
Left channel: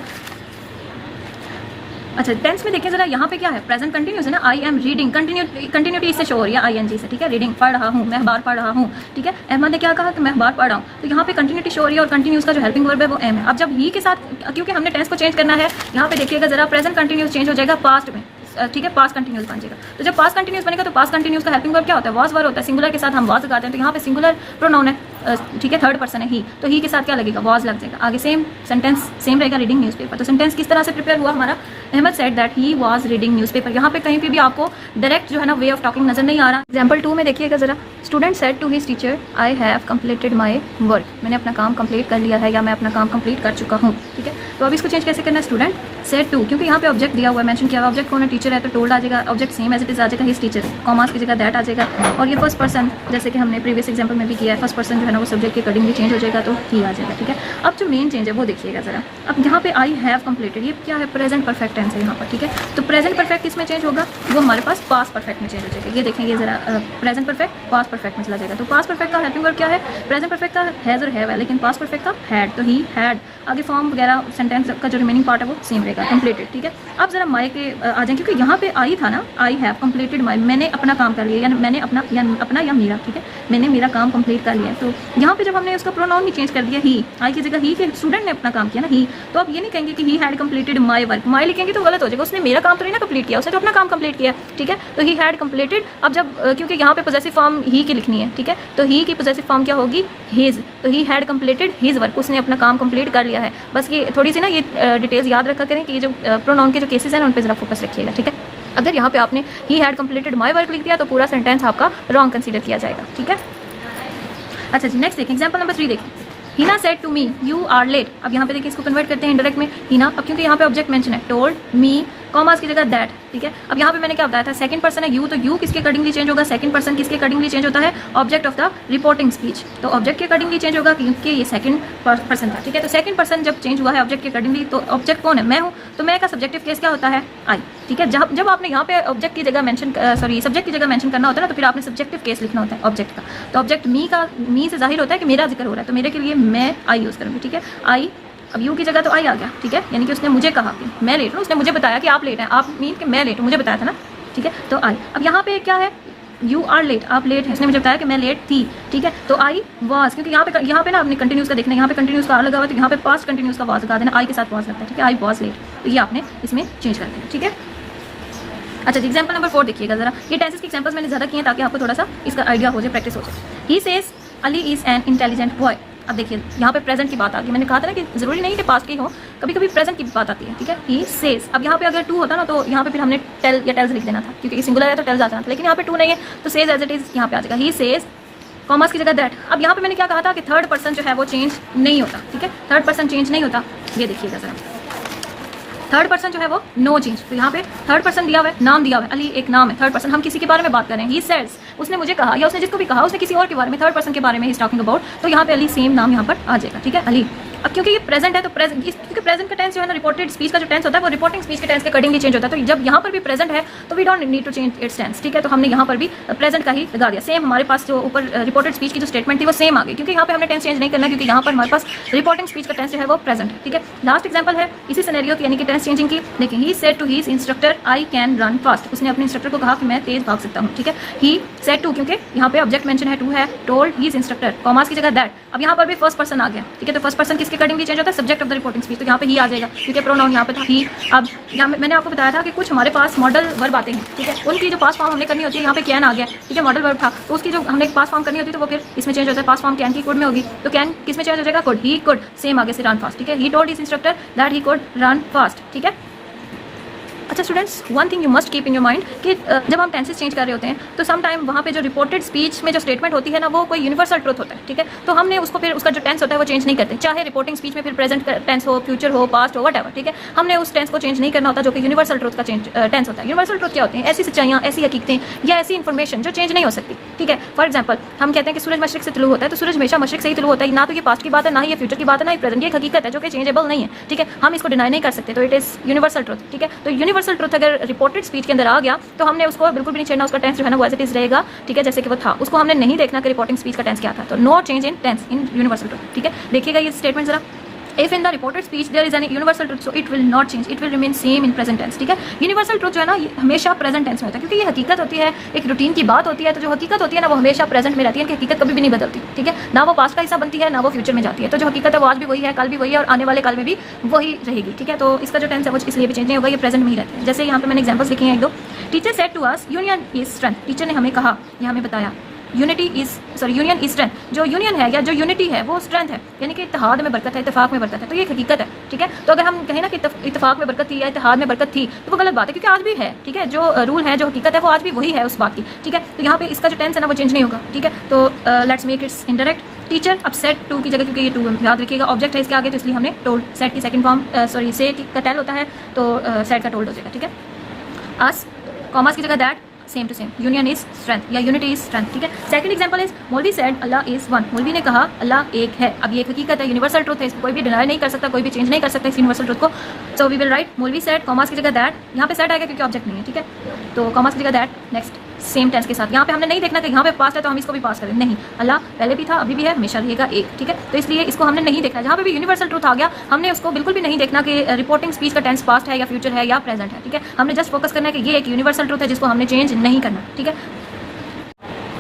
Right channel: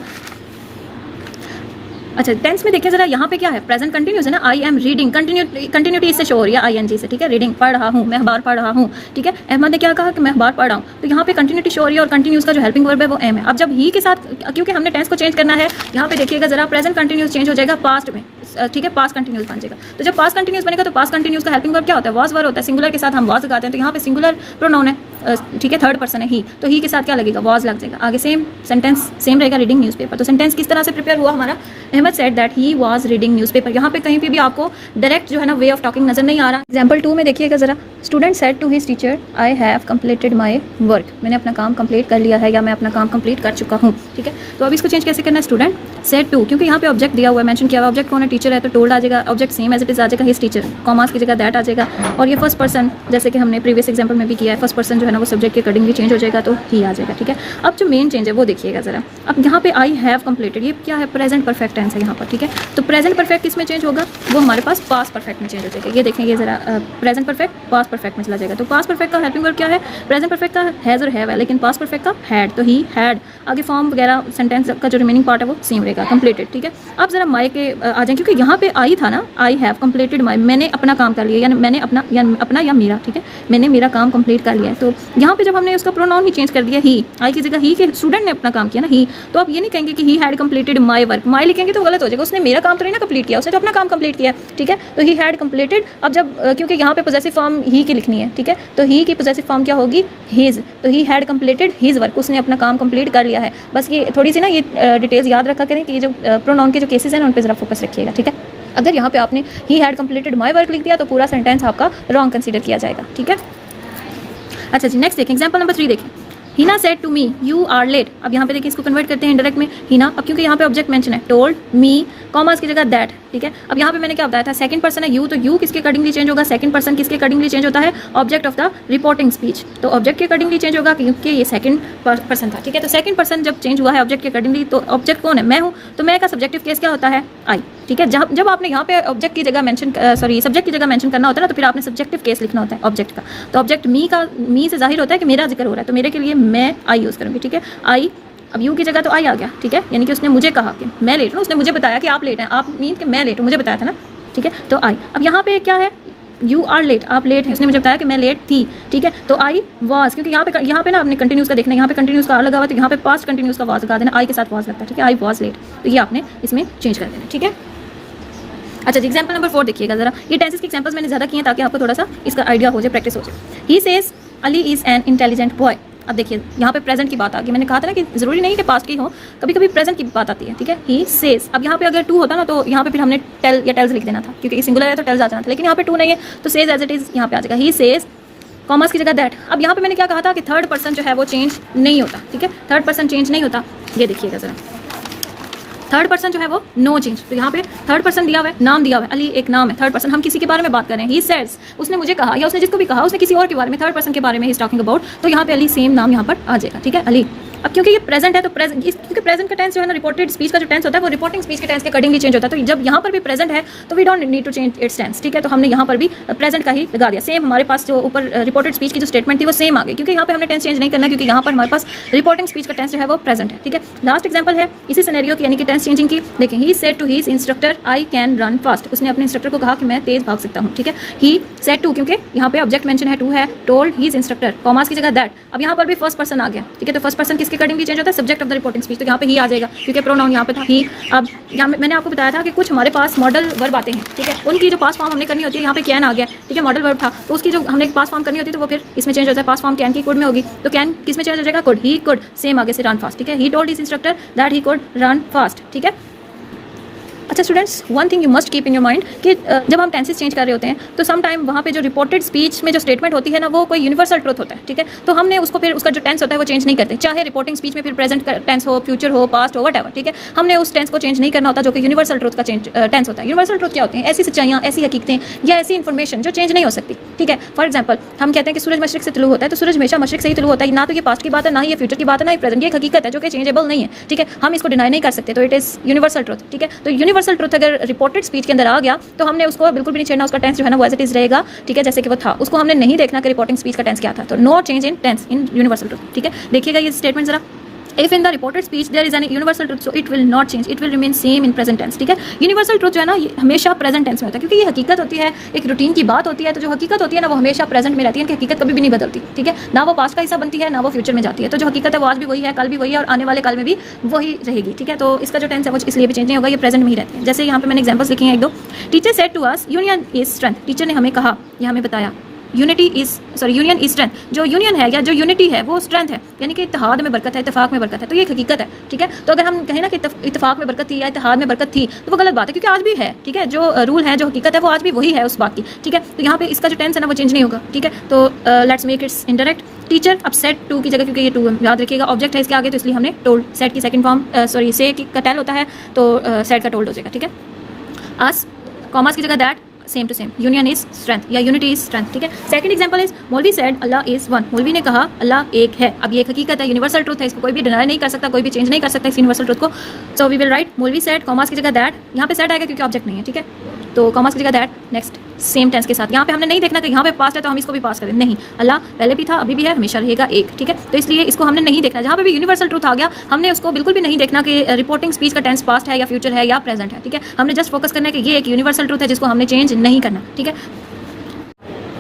अच्छा टेंस में देखिए जरा, यहाँ पे क्या है, प्रेजेंट कंटिन्यूस है ना, आई एम रीडिंग, कंटिन्यूटी इससे शो हो रही है आईएनजी से, ठीक है। रीडिंग पढ़ रहा हूँ, मैं अखबार पढ़ रहा हूँ, ठीक है। अहमद ने क्या कहा कि मैं अखबार पढ़ रहा हूँ, तो यहाँ पे कंटिन्यूटी शो हो रही है और कंटिन्यूस का जो हेल्पिंग वर्ब है वो एम है। अब जब ही के साथ, क्योंकि हमने टेंस को चेंज करना है, यहाँ पे देखिएगा जरा, प्रेजेंट कंटिन्यूस चेंज हो जाएगा पास्ट में, ठीक है, पास्ट कंटिन्यूस बन जाएगा। तो जब पास्ट कंटिन्यूस बनेगा तो पास्ट कंटिन्यूस का हेल्पिंग वर्ब क्या होता है, वाज वर्ब होता है। सिंगुलर के साथ हम वाज लगाते हैं, तो यहाँ पे सिंगुलर प्रोनाउन है, ठीक है, थर्ड पर्सन है ही, तो ही के साथ क्या लगेगा, वाज लग जाएगा। आगे सेम सेंटेंस सेम रहेगा, रीडिंग न्यूज़पेपर। तो सेंटेंस किस तरह से प्रिपेयर हुआ हमारा, Ahmed said that he was reading newspaper. यहाँ पे कहीं पे भी आपको डायरेक्ट जो है ना वे ऑफ टॉकिंग नजर नहीं आ रहा। एग्जाम्पल 2 में देखिएगा जरा, student said to his teacher I have completed my work, मैंने अपना काम कंप्लीट कर लिया है या मैं अपना काम कंप्लीट कर चुका हूँ, ठीक है। तो अब इसको चेंज कैसे करना है, स्टूडेंट सेड टू, क्योंकि यहाँ पे ऑब्जेक्ट दिया हुआ है, मेंशन किया हुआ, ऑब्जेक्ट कौन है, टीचर है, तो टोल्ड आ जाएगा, object same as it is आ जाएगा, हिज टीचर, कॉमास की जगह दैट आ जाएगा। और ये फर्स्ट पर्सन, जैसे कि हमने प्रीवियस एग्जाम्पल में भी किया है, फर्स्ट पर्सन जो है ना वो सब्जेक्ट के अकॉर्डिंगली चेंज हो जाएगा, तो ही आ जाएगा, ठीक है। अब जो मेन चेंज है वो देखिएगा जरा, अब यहाँ पे आई हैव कंप्लीटेड, ये क्या है, प्रेजेंट परफेक्ट टेंस है यहाँ पर, ठीक है। तो प्रेजेंट परफेक्ट इसमें चेंज होगा, वो हमारे पास पास्ट परफेक्ट में चेंज हो जाएगा। ये देखेंगे जरा, प्रेजेंट परफेक्ट पास्ट परफेक्ट में चला जाएगा। तो पास्ट परफेक्ट का हेल्पिंग वर्ब क्या है, प्रेजेंट परफेक्ट का हैज़ और हैव है, लेकिन पास्ट परफेक्ट का हैड, तो ही हैड। आगे फॉर्म वगैरह सेंटेंस का जो रिमेनिंग पार्ट है वो सेम रहेगा, कंप्लीटेड, ठीक है। अब जरा माई के आ जाए, क्योंकि यहाँ पे आई था ना, आई हैव कंप्लीटेड माई, मैंने अपना काम कर लिया, यानी मैंने अपना या मेरा, ठीक है, मैंने मेरा काम कंप्लीट कर लिया। तो यहाँ पे जब हमने उसका प्रोनाउन ही चेंज कर दिया, ही, आई की जगह ही के स्टूडेंट ने अपना काम किया ना, ही, तो आप ये नहीं कहेंगे कि he had completed my work, my लिखेंगे तो गलत हो जाएगा, उसने मेरा काम तो नहीं ना कंप्लीट किया, उसने तो अपना काम कंप्लीट किया, ठीक है। तो ही हैड कंप्लीटेड, अब जब क्योंकि यहाँ पे पोजेसिव फॉर्म ही की लिखनी है, ठीक है, तो ही की पोजेसिव फॉर्म क्या होगी, हिज, तो ही हैड कंप्लीटेड हिज वर्क, उसने अपना काम कंप्लीट कर लिया है। बस ये थोड़ी सी ना ये डिटेल्स याद रखा करें कि ये जो प्रोनाउन के जो केसेस हैं ना उन पर जरा फोकस रखिएगा, ठीक है। अगर यहाँ पे आपने ही हैड कंप्लीटेड माई वर्क लिख दिया तो पूरा सेंटेंस आपका रॉन्ग कंसीडर किया जाएगा, ठीक है। अच्छा जी, नेक्स्ट देखें, एग्जाम्पल नंबर 3 देखें, Heena said to me you are late. अब यहाँ पे देखिए इसको कन्वर्ट करते हैं इंडायरेक्ट में, हिना, अब क्योंकि यहाँ पे ऑब्जेक्ट मेंशन है, टोल्ड मी, कॉमास की जगह दैट, ठीक है। अब यहाँ पे मैंने क्या बताया था, सेकंड पर्सन है यू, तो यू किसके अकॉर्डिंगली चेंज होगा, सेकंड पर्सन किसके अकॉर्डिंगली चेंज होता है, object of the reporting speech, तो ऑब्जेक्ट के अकॉर्डिंगली चेंज होगा क्योंकि ये सेकंड पर्सन था, ठीक है। तो सेकंड पर्सन जब चेंज हुआ है ऑब्जेक्ट के अकॉर्डिंगली, तो ऑब्जेक्ट कौन है, मैं हूँ, तो मैं का सब्जेक्टिव केस क्या होता है, आई, ठीक है। जब आपने यहाँ पे ऑब्जेक्ट की जगह मेंशन सब्जेक्ट की जगह मेंशन करना होता है ना, तो फिर आपने सब्जेक्टिव केस लिखना होता है ऑब्जेक्ट का। तो ऑब्जेक्ट मी से जाहिर होता है कि मेरा जिक्र हो रहा है, तो मेरे के लिए मैं आई यूज़ करूँगी, ठीक है, आई। अब यू की जगह तो आई आ गया, ठीक है, यानी कि उसने मुझे कहा कि मैं लेट हूँ, उसने मुझे बताया कि आप लेट हैं, आप मीन कि मैं लेट हूँ, मुझे बताया था ना, ठीक है, तो आई। अब यहाँ पे क्या है, यू आर लेट, आप लेट हैं, इसने मुझे बताया कि मैं लेट थी, ठीक है। तो आई वाज, क्योंकि यहाँ पे ना आपने कंटिन्यूस का देखना है, यहाँ पे कंटिन्यूस का आ लगा हुआ, तो यहाँ पे पास्ट कंटिन्यूस का वाज लगा देना, आई के साथ वाज लगता है, ठीक है, आई वाज लेट, तो ये आपने इसमें चेंज कर देना, ठीक है। अच्छा जी, एग्जाम्पल नंबर 4 देखिएगा जरा, ये टेंसेस के एग्जाम्पल्स मैंने ज़्यादा किए हैं ताकि आपको थोड़ा सा इसका आइडिया हो जाए, प्रैक्टिस हो जाए। He says Ali is an intelligent boy. अब देखिए यहाँ पे प्रेजेंट की बात आ गई, मैंने कहा था ना कि जरूरी नहीं कि पास्ट की हो, कभी कभी प्रेजेंट की बात आती है, ठीक है। ही सेज, अब यहाँ पे अगर 2 होता ना तो यहाँ पे फिर हमने टेल या टेल्स लिख देना था, क्योंकि सिंगुलर है तो टेल्स आ जाना था, लेकिन यहाँ पे 2 नहीं है तो सेज एज इट इज यहाँ पे आ जाएगा, ही सेज, कॉमर्स की जगह दैट। अब यहाँ पे मैंने क्या कहा था कि थर्ड पर्सन जो है वो चेंज नहीं होता, ठीक है, थर्ड पर्सन चेंज नहीं होता। ये देखिएगा जरा, थर्ड पर्सन जो है वो नो चेंज। तो यहाँ पे थर्ड पर्सन दिया हुआ है, नाम दिया हुआ है, अली एक नाम है, थर्ड पर्सन, हम किसी के बारे में बात कर रहे हैं, ही सेड्स, उसने मुझे कहा या उसने जिसको भी कहा उसने किसी और के बारे में, थर्ड पर्सन के बारे में ही इज टॉकिंग अबाउट, तो यहाँ पे अली सेम नाम यहाँ पर आ जाएगा, ठीक है, अली। अब क्योंकि ये प्रेजेंट है तो क्योंकि प्रेजेंट का टेंस जो है ना रिपोर्टेड स्पीच का जो टेंस होता है वो रिपोर्टिंग स्पीच के टेंस के अकॉर्डिंगली चेंज होता है। तो जब यहाँ पर भी प्रेजेंट है तो we don't need to change its tense, ठीक है। तो हमने यहाँ पर भी प्रेजेंट का ही लगा दिया। सेम हमारे पास जो ऊपर रिपोर्टेड स्पीच की जो स्टेटमेंट थी वो सेम आ गई, क्योंकि यहाँ पे हमने टेंस चेंज नहीं करना, क्योंकि यहाँ पर हमारे पास रिपोर्टिंग स्पीच का टेंस जो है वो प्रेजेंट है, ठीक है। लास्ट एग्जाम्पल है इसी सिनेरियो की, यानी कि टेंस चेंजिंग की। देखिए, he said to his instructor I can run fast, उसने अपने इंस्ट्रक्टर को कहा कि मैं तेज भाग सकता हूँ, ठीक है। ही सेड टू, क्योंकि यहाँ पे ऑब्जेक्ट मेंशन है टू है, टोल्ड हिज इंस्ट्रक्टर, कॉमास की जगह दैट। अब यहाँ पर भी फर्स्ट पर्सन आ गया, ठीक है। तो फर्स्ट पर्सन किसके अकॉर्डिंगली चेंज होता है, subject of the reporting speech, तो यहाँ पे ही आ जाएगा क्योंकि प्रोनाउन यहाँ पे था ही। अब यहाँ मैंने आपको बताया था कि कुछ हमारे पास मॉडल वर्ब आते हैं, ठीक है, उनकी जो पास्ट फॉर्म हमने करनी होती है, यहाँ पे कैन आ गया, ठीक है, मॉडल वर्ब था, तो उसकी जो हमने पास्ट फॉर्म करनी होती है तो वो फिर इसमें चेंज हो जाता है, पास्ट फॉर्म कैन की कुड में होगी, तो कैन किस में चेंज हो जाएगा, कुड, ही कुड, सेम आगे से रन फास्ट, ठीक है। He told his instructor that he could run fast, ठीक है। अच्छा students, one thing you must keep in your mind कि जब हम टेंसेस चेंज कर रहे होते हैं तो सम टाइम वहाँ पे जो रिपोर्टेड स्पीच में जो स्टेटमेंट होती है ना वो कोई यूनिवर्सल ट्रुथ होता है, ठीक है। तो हमने उसको फिर उसका जो टेंस होता है वो चेंज नहीं करते, चाहे रिपोर्टिंग स्पीच में फिर प्रेजेंट टेंस हो, फ्यूचर हो, पास्ट हो, वटएवर, ठीक है। हमने उस टेंस को चेंज नहीं करना होता जो कि यूनिवर्सल ट्रुथ का टेंस होता है। यूनिवर्सल ट्रुथ क्या होती है, ऐसी सच्चाइयाँ, ऐसी हकीकतें या ऐसी इन्फॉर्मेशन जो चेंज नहीं हो सकती, ठीक है। फॉर एग्जाम्पल हम कहते हैं कि सूरज मशरिक से तुलू होता है, तो सूरज हमेशा मशरिक से ही तुलू होता है, ना तो ये पास्ट की बात है, ना ही ये फ्यूचर की बात है, ना ही प्रेजेंट, ये हकीकत है जो कि चेंजेबल नहीं है, ठीक है। हम इसको डिनाई नहीं कर सकते, तो इट इज यूनिवर्सल ट्रुथ, ठीक है। तो यूनिवर्सल ट्रुथ अगर रिपोर्टेड स्पीच के अंदर आ गया तो हमने उसको बिल्कुल भी नहीं छेड़ना, उसका टेंस जो है ना वो एज इट इज रहेगा, ठीक है, जैसे कि वो था। उसको हमने नहीं देखना कि रिपोर्टिंग स्पीच का टेंस क्या था, तो no change in tense in universal truth, ठीक है। देखिएगा ये स्टेटमेंट जरा, if in the reported speech there is an universal truth so it will not change, it will remain same in present tense, ठीक है। यूनिवर्सल ट्रुथ जो है ना ये हमेशा प्रेजेंट टेंस में होता है, क्योंकि ये हकीकत होती है, एक रूटीन की बात होती है, तो जो हकीकत होती है ना वो हमेशा प्रेजेंट में रहती है, कि हकीकत कभी भी नहीं बदलती, ठीक है। ना वो पास्ट का हिस्सा बनती है, ना वो फ्यूचर में जाती है, तो जो हकीकत है वो आज भी वही है, कल भी वही है और आने वाले कल में भी वही रहेगी, ठीक है। तो इसका जो टेंस है वो इसलिए भी चेंज नहीं होगा, ये प्रेजेंट में ही रहते हैं। जैसे यहाँ पे मैंने एग्जाम्पल्स लिखे हैं एक दो। Teacher said to us union is strength, teacher ने हमें कहा या हमें बताया unity is union is strength, जो यूनियन है या जो यूनिटी है वो स्ट्रेंथ है, यानी कि इत्तेहाद में बरकत है, इत्तेफाक में बरकत है, तो ये हकीकत है, ठीक है। तो अगर हम कहें ना कि इत्तेफाक में बरकत थी या इत्तेहाद में बरकत थी तो वो गलत बात है, क्योंकि आज भी है, ठीक है। जो रूल है, जो हकीकत है वो आज भी वही है उस बात की, ठीक है। तो यहाँ पे इसका जो टेंस है ना वो चेंज नहीं होगा, ठीक है। तो let's make it's indirect. Teacher, अब सेड टू की जगह, क्योंकि ये टू याद रखिएगा ऑब्जेक्ट है इसके आगे, तो इसलिए हमने टोल्ड, सेड की सेकंड फॉर्म से का टेल होता है तो सेड का टोल्ड हो जाएगा, ठीक है। अस, कॉमर्स की जगह that, same to same, union is strength या यूनिटी इज स्ट्रेंथ, ठीक है। सेकंड एग्जांपल इज मौलवी सेड अल्लाह इज वन, मौलवी ने कहा अल्लाह एक है। अब ये एक हकीकत है, यूनिवर्सल ट्रुथ है, इसको कोई भी डिनाई नहीं कर सकता, कोई भी चेंज नहीं कर सकता इस यूनिवर्सल ट्रुथ को। सो वी विल राइट मौलवी सेड, कॉमर्स की जगह दैट, यहाँ पे सेड आएगा क्योंकि ऑब्जेक्ट नहीं है, ठीक है। तो कॉमर्स की जगह दैट, नेक्स्ट सेम टेंस के साथ। यहाँ पे हमने नहीं देखना कि यहाँ पे पास्ट है तो हम इसको भी पास करें, नहीं, अल्लाह पहले भी था, अभी भी है, हमेशा रहेगा एक, ठीक है। तो इसलिए इसको हमने नहीं देखना, जहाँ पे भी यूनिवर्सल ट्रुथ आ गया हमने उसको बिल्कुल भी नहीं देखना कि रिपोर्टिंग स्पीच का टेंस पास्ट है या फ्यूचर है या प्रेजेंट है, ठीक है। हमने जस्ट फोकस करना है कि ये एक यूनिवर्सल ट्रुथ है जिसको हमने चेंज नहीं करना, ठीक है।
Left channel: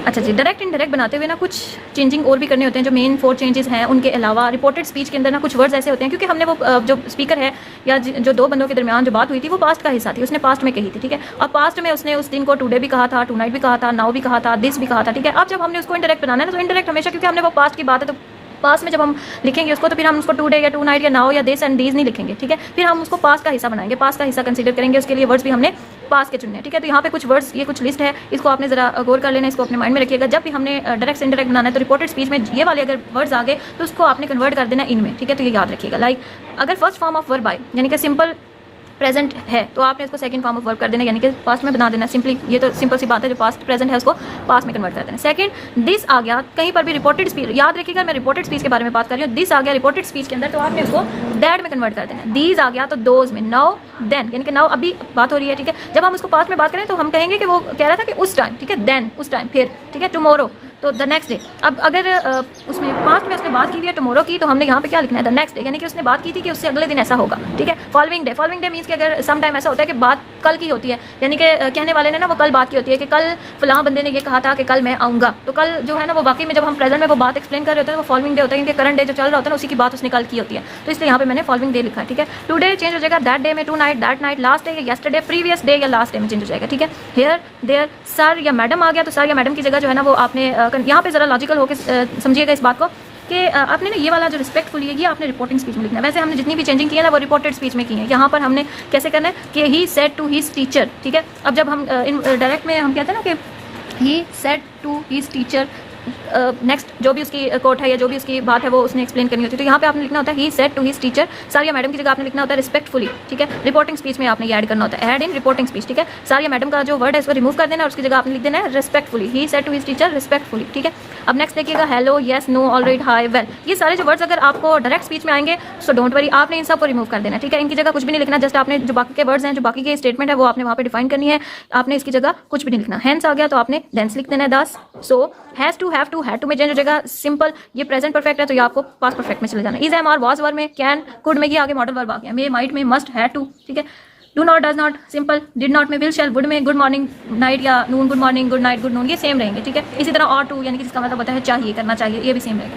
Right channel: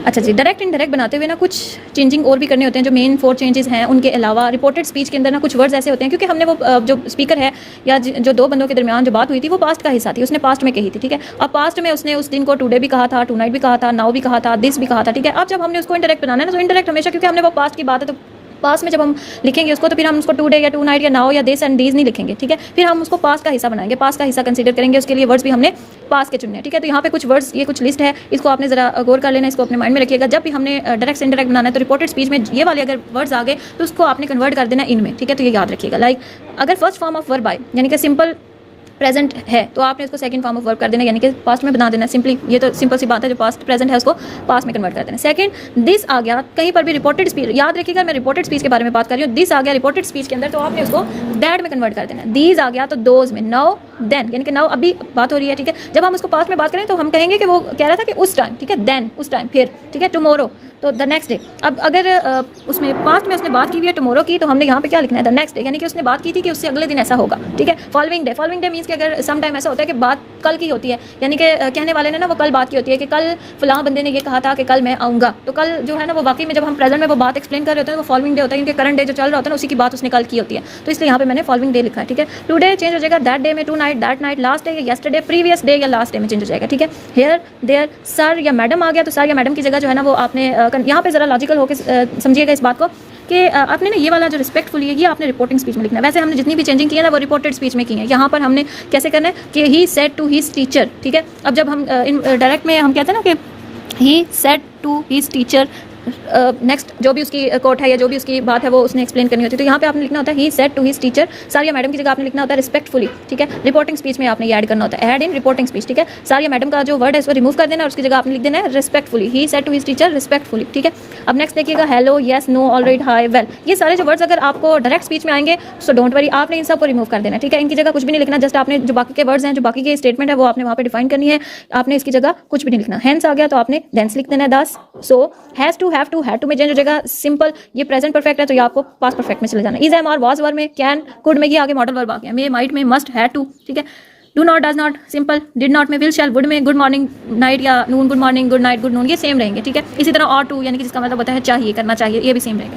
अच्छा जी, डायरेक्ट इनडायरेक्ट बनाते हुए ना कुछ चेंजिंग और भी करने होते हैं। जो मेन 4 चेंजेस हैं उनके अलावा रिपोर्टेड स्पीच के अंदर ना कुछ वर्ड्स ऐसे होते हैं, क्योंकि हमने वो जो स्पीकर है या जो दो बंदों के दरमियान जो बात हुई थी वो पास्ट का हिस्सा थी, उसने पास्ट में कही थी, ठीक है। अब पास्ट में उसने उस दिन को टुडे भी कहा था, टू नाइट भी कहा था, नाउ भी कहा था, दिस भी कहा था, ठीक है। अब जब हमने उसको इंडायरेक्ट बनाना है ना, तो इंडायरेक्ट हमेशा, क्योंकि हमने वो पास्ट की बात है, तो पास्ट में जब हम लिखेंगे उसको तो फिर हम उसको टुडे या टू नाइट या नाउ या दिस एंड दीज नहीं लिखेंगे, ठीक है। फिर हम उसको पास्ट का हिस्सा बनाएंगे, पास्ट का हिस्सा कंसीडर करेंगे, उसके लिए वर्ड्स भी हमने पास के चुनने हैं, ठीक है। तो यहाँ पे कुछ वर्ड्स, ये कुछ लिस्ट है, इसको आपने जरा गौर कर लेना, इसको अपने माइंड में रखिएगा। जब भी हमने डायरेक्ट से इंडायरेक्ट बनाना है तो रिपोर्टेड स्पीच में ये वाले अगर वर्ड्स आ गए तो उसको आपने कन्वर्ट कर देना इनमें, ठीक है। तो ये याद रखिएगा। लाइक अगर फर्स्ट फॉर्म ऑफ वर्ब आए, यानी कि सिंपल प्रेजेंट है, तो आपने उसको सेकंड फॉर्म ऑफ वर्ब कर देना, यानी कि पास्ट में बना देना सिंपली। ये तो सिंपल सी बात है, जो पास्ट प्रेजेंट है उसको पास्ट में कन्वर्ट कर देना। सेकंड, दिस आ गया, कहीं पर भी रिपोर्टेड स्पीच, याद रखिएगा मैं रिपोर्टेड स्पीच के बारे में बात कर रही हूँ। दिस आ गया रिपोर्टेड स्पीच के अंदर, तो आपने उसको दैट में कन्वर्ट कर देना। दीज आ गया तो दोज में, नाउ देन, यानी कि नाउ अभी बात हो रही है, ठीक है। जब हम उसको पास्ट में बात करें तो हम कहेंगे कि वो कह रहा था कि उस टाइम, ठीक है, देन उस टाइम, फिर, ठीक है, टुमारो तो द नेक्स्ट डे। अब अगर उसमें पास्ट में उसने बात की हुई है टुमारो की, तो हमने यहाँ पे क्या लिखना है, द नेक्स्ट डे, यानी कि उसने बात की थी कि उससे अगले दिन ऐसा होगा, ठीक है। फॉलोइंग डे मीन्स कि अगर सम टाइम ऐसा होता है कि बात कल की होती है, यानी कि कहने वाले ने ना वो कल बात की होती है कि कल फलां बंदे ने ये कहा था कि कल मैं आऊँगा, तो कल जो है ना वो वाकई में जब हम प्रेजेंट में वो बात एक्सप्लेन कर रहे होते हैं तो वो फॉलोइंग डे होता है, क्योंकि करंट डे जो चल रहा होता है ना उसी की बात उसने कल की होती है, तो इसलिए यहाँ पे मैंने फॉलोइंग डे लिखा है, ठीक है। टुडे चेंज हो जाएगा दैट डे में, tonight that night, last day या यस्टरडे, प्रीवियस डे या लास्ट डे में चेंज हो जाएगा, ठीक है। हियर देयर, सर या मैडम आ गया, तो सर या मैडम की जगह जो है ना वो आपने यहाँ पे जरा लॉजिकल होकर समझिएगा इस बात को कि आपने ना ये वाला जो रिस्पेक्टफुल है ये आपने रिपोर्टिंग स्पीच में लिखना है। वैसे हमने जितनी भी चेंजिंग की है ना वो रिपोर्टेड स्पीच में की है। यहाँ पर हमने कैसे करना है कि he said to his teacher, ठीक है। अब जब हम डायरेक्ट में हम कहते हैं ना कि he said to his teacher next जो भी उसकी कोट है या जो भी उसकी बात है वो उसने एक्सप्लेन करनी होती है। तो यहाँ पे आपने लिखना होता है he said to his teacher, सारिया मैडम की जगह आपने लिखना होता है रिस्पेक्टफुली, ठीक है। रिपोर्टिंग स्पीच में आपने ये ऐड करना होता है, ऐड इन रिपोर्टिंग स्पीच, ठीक है। सारिया मैडम का जो वर्ड है इसको रिमूव कर देना और उसकी जगह आपने लिख देना है respectfully, he said to his teacher respectfully, ठीक है। अब नेक्स्ट देखिएगा hello, yes, no, all right, hi, well, ये सारे जो वर्ड्स अगर आपको डायरेक्ट स्पीच में आएंगे सो डोंट वरी, आपने इन सब को रिमूव कर देना है, ठीक है। इनकी जगह कुछ भी नहीं लिखना, जस्ट आपने जो बाकी के वर्ड्स हैं, जो बाकी के स्टेटमेंट है वो आपने वहाँ पे डिफाइन करनी है, आपने इसकी जगह कुछ भी नहीं लिखना। हेंस आ गया तो आपने देंस लिख देना है 10। So has to, have to, had to में चेंज हो जाएगा। सिंपल ये प्रेजेंट परफेक्ट है तो ये आपको पास्ट परफेक्ट में चले जाना। इज, एम, आर, वाज, वर में, कैन, कुड में ये आगे मॉडल वर्ब आ गया। मे, माइट में, मस्ट, हैड टू, ठीक है। Do not, does not, simple. Did not में विल, शैल, वुड में गुड मॉर्निंग, नाइट या noon, good morning, good night, good noon, ये सेम रहेंगे, ठीक है। इसी तरह और टू यानी कि जिसका मतलब होता है चाहिए, करना चाहिए, ये भी सेम रहेगा।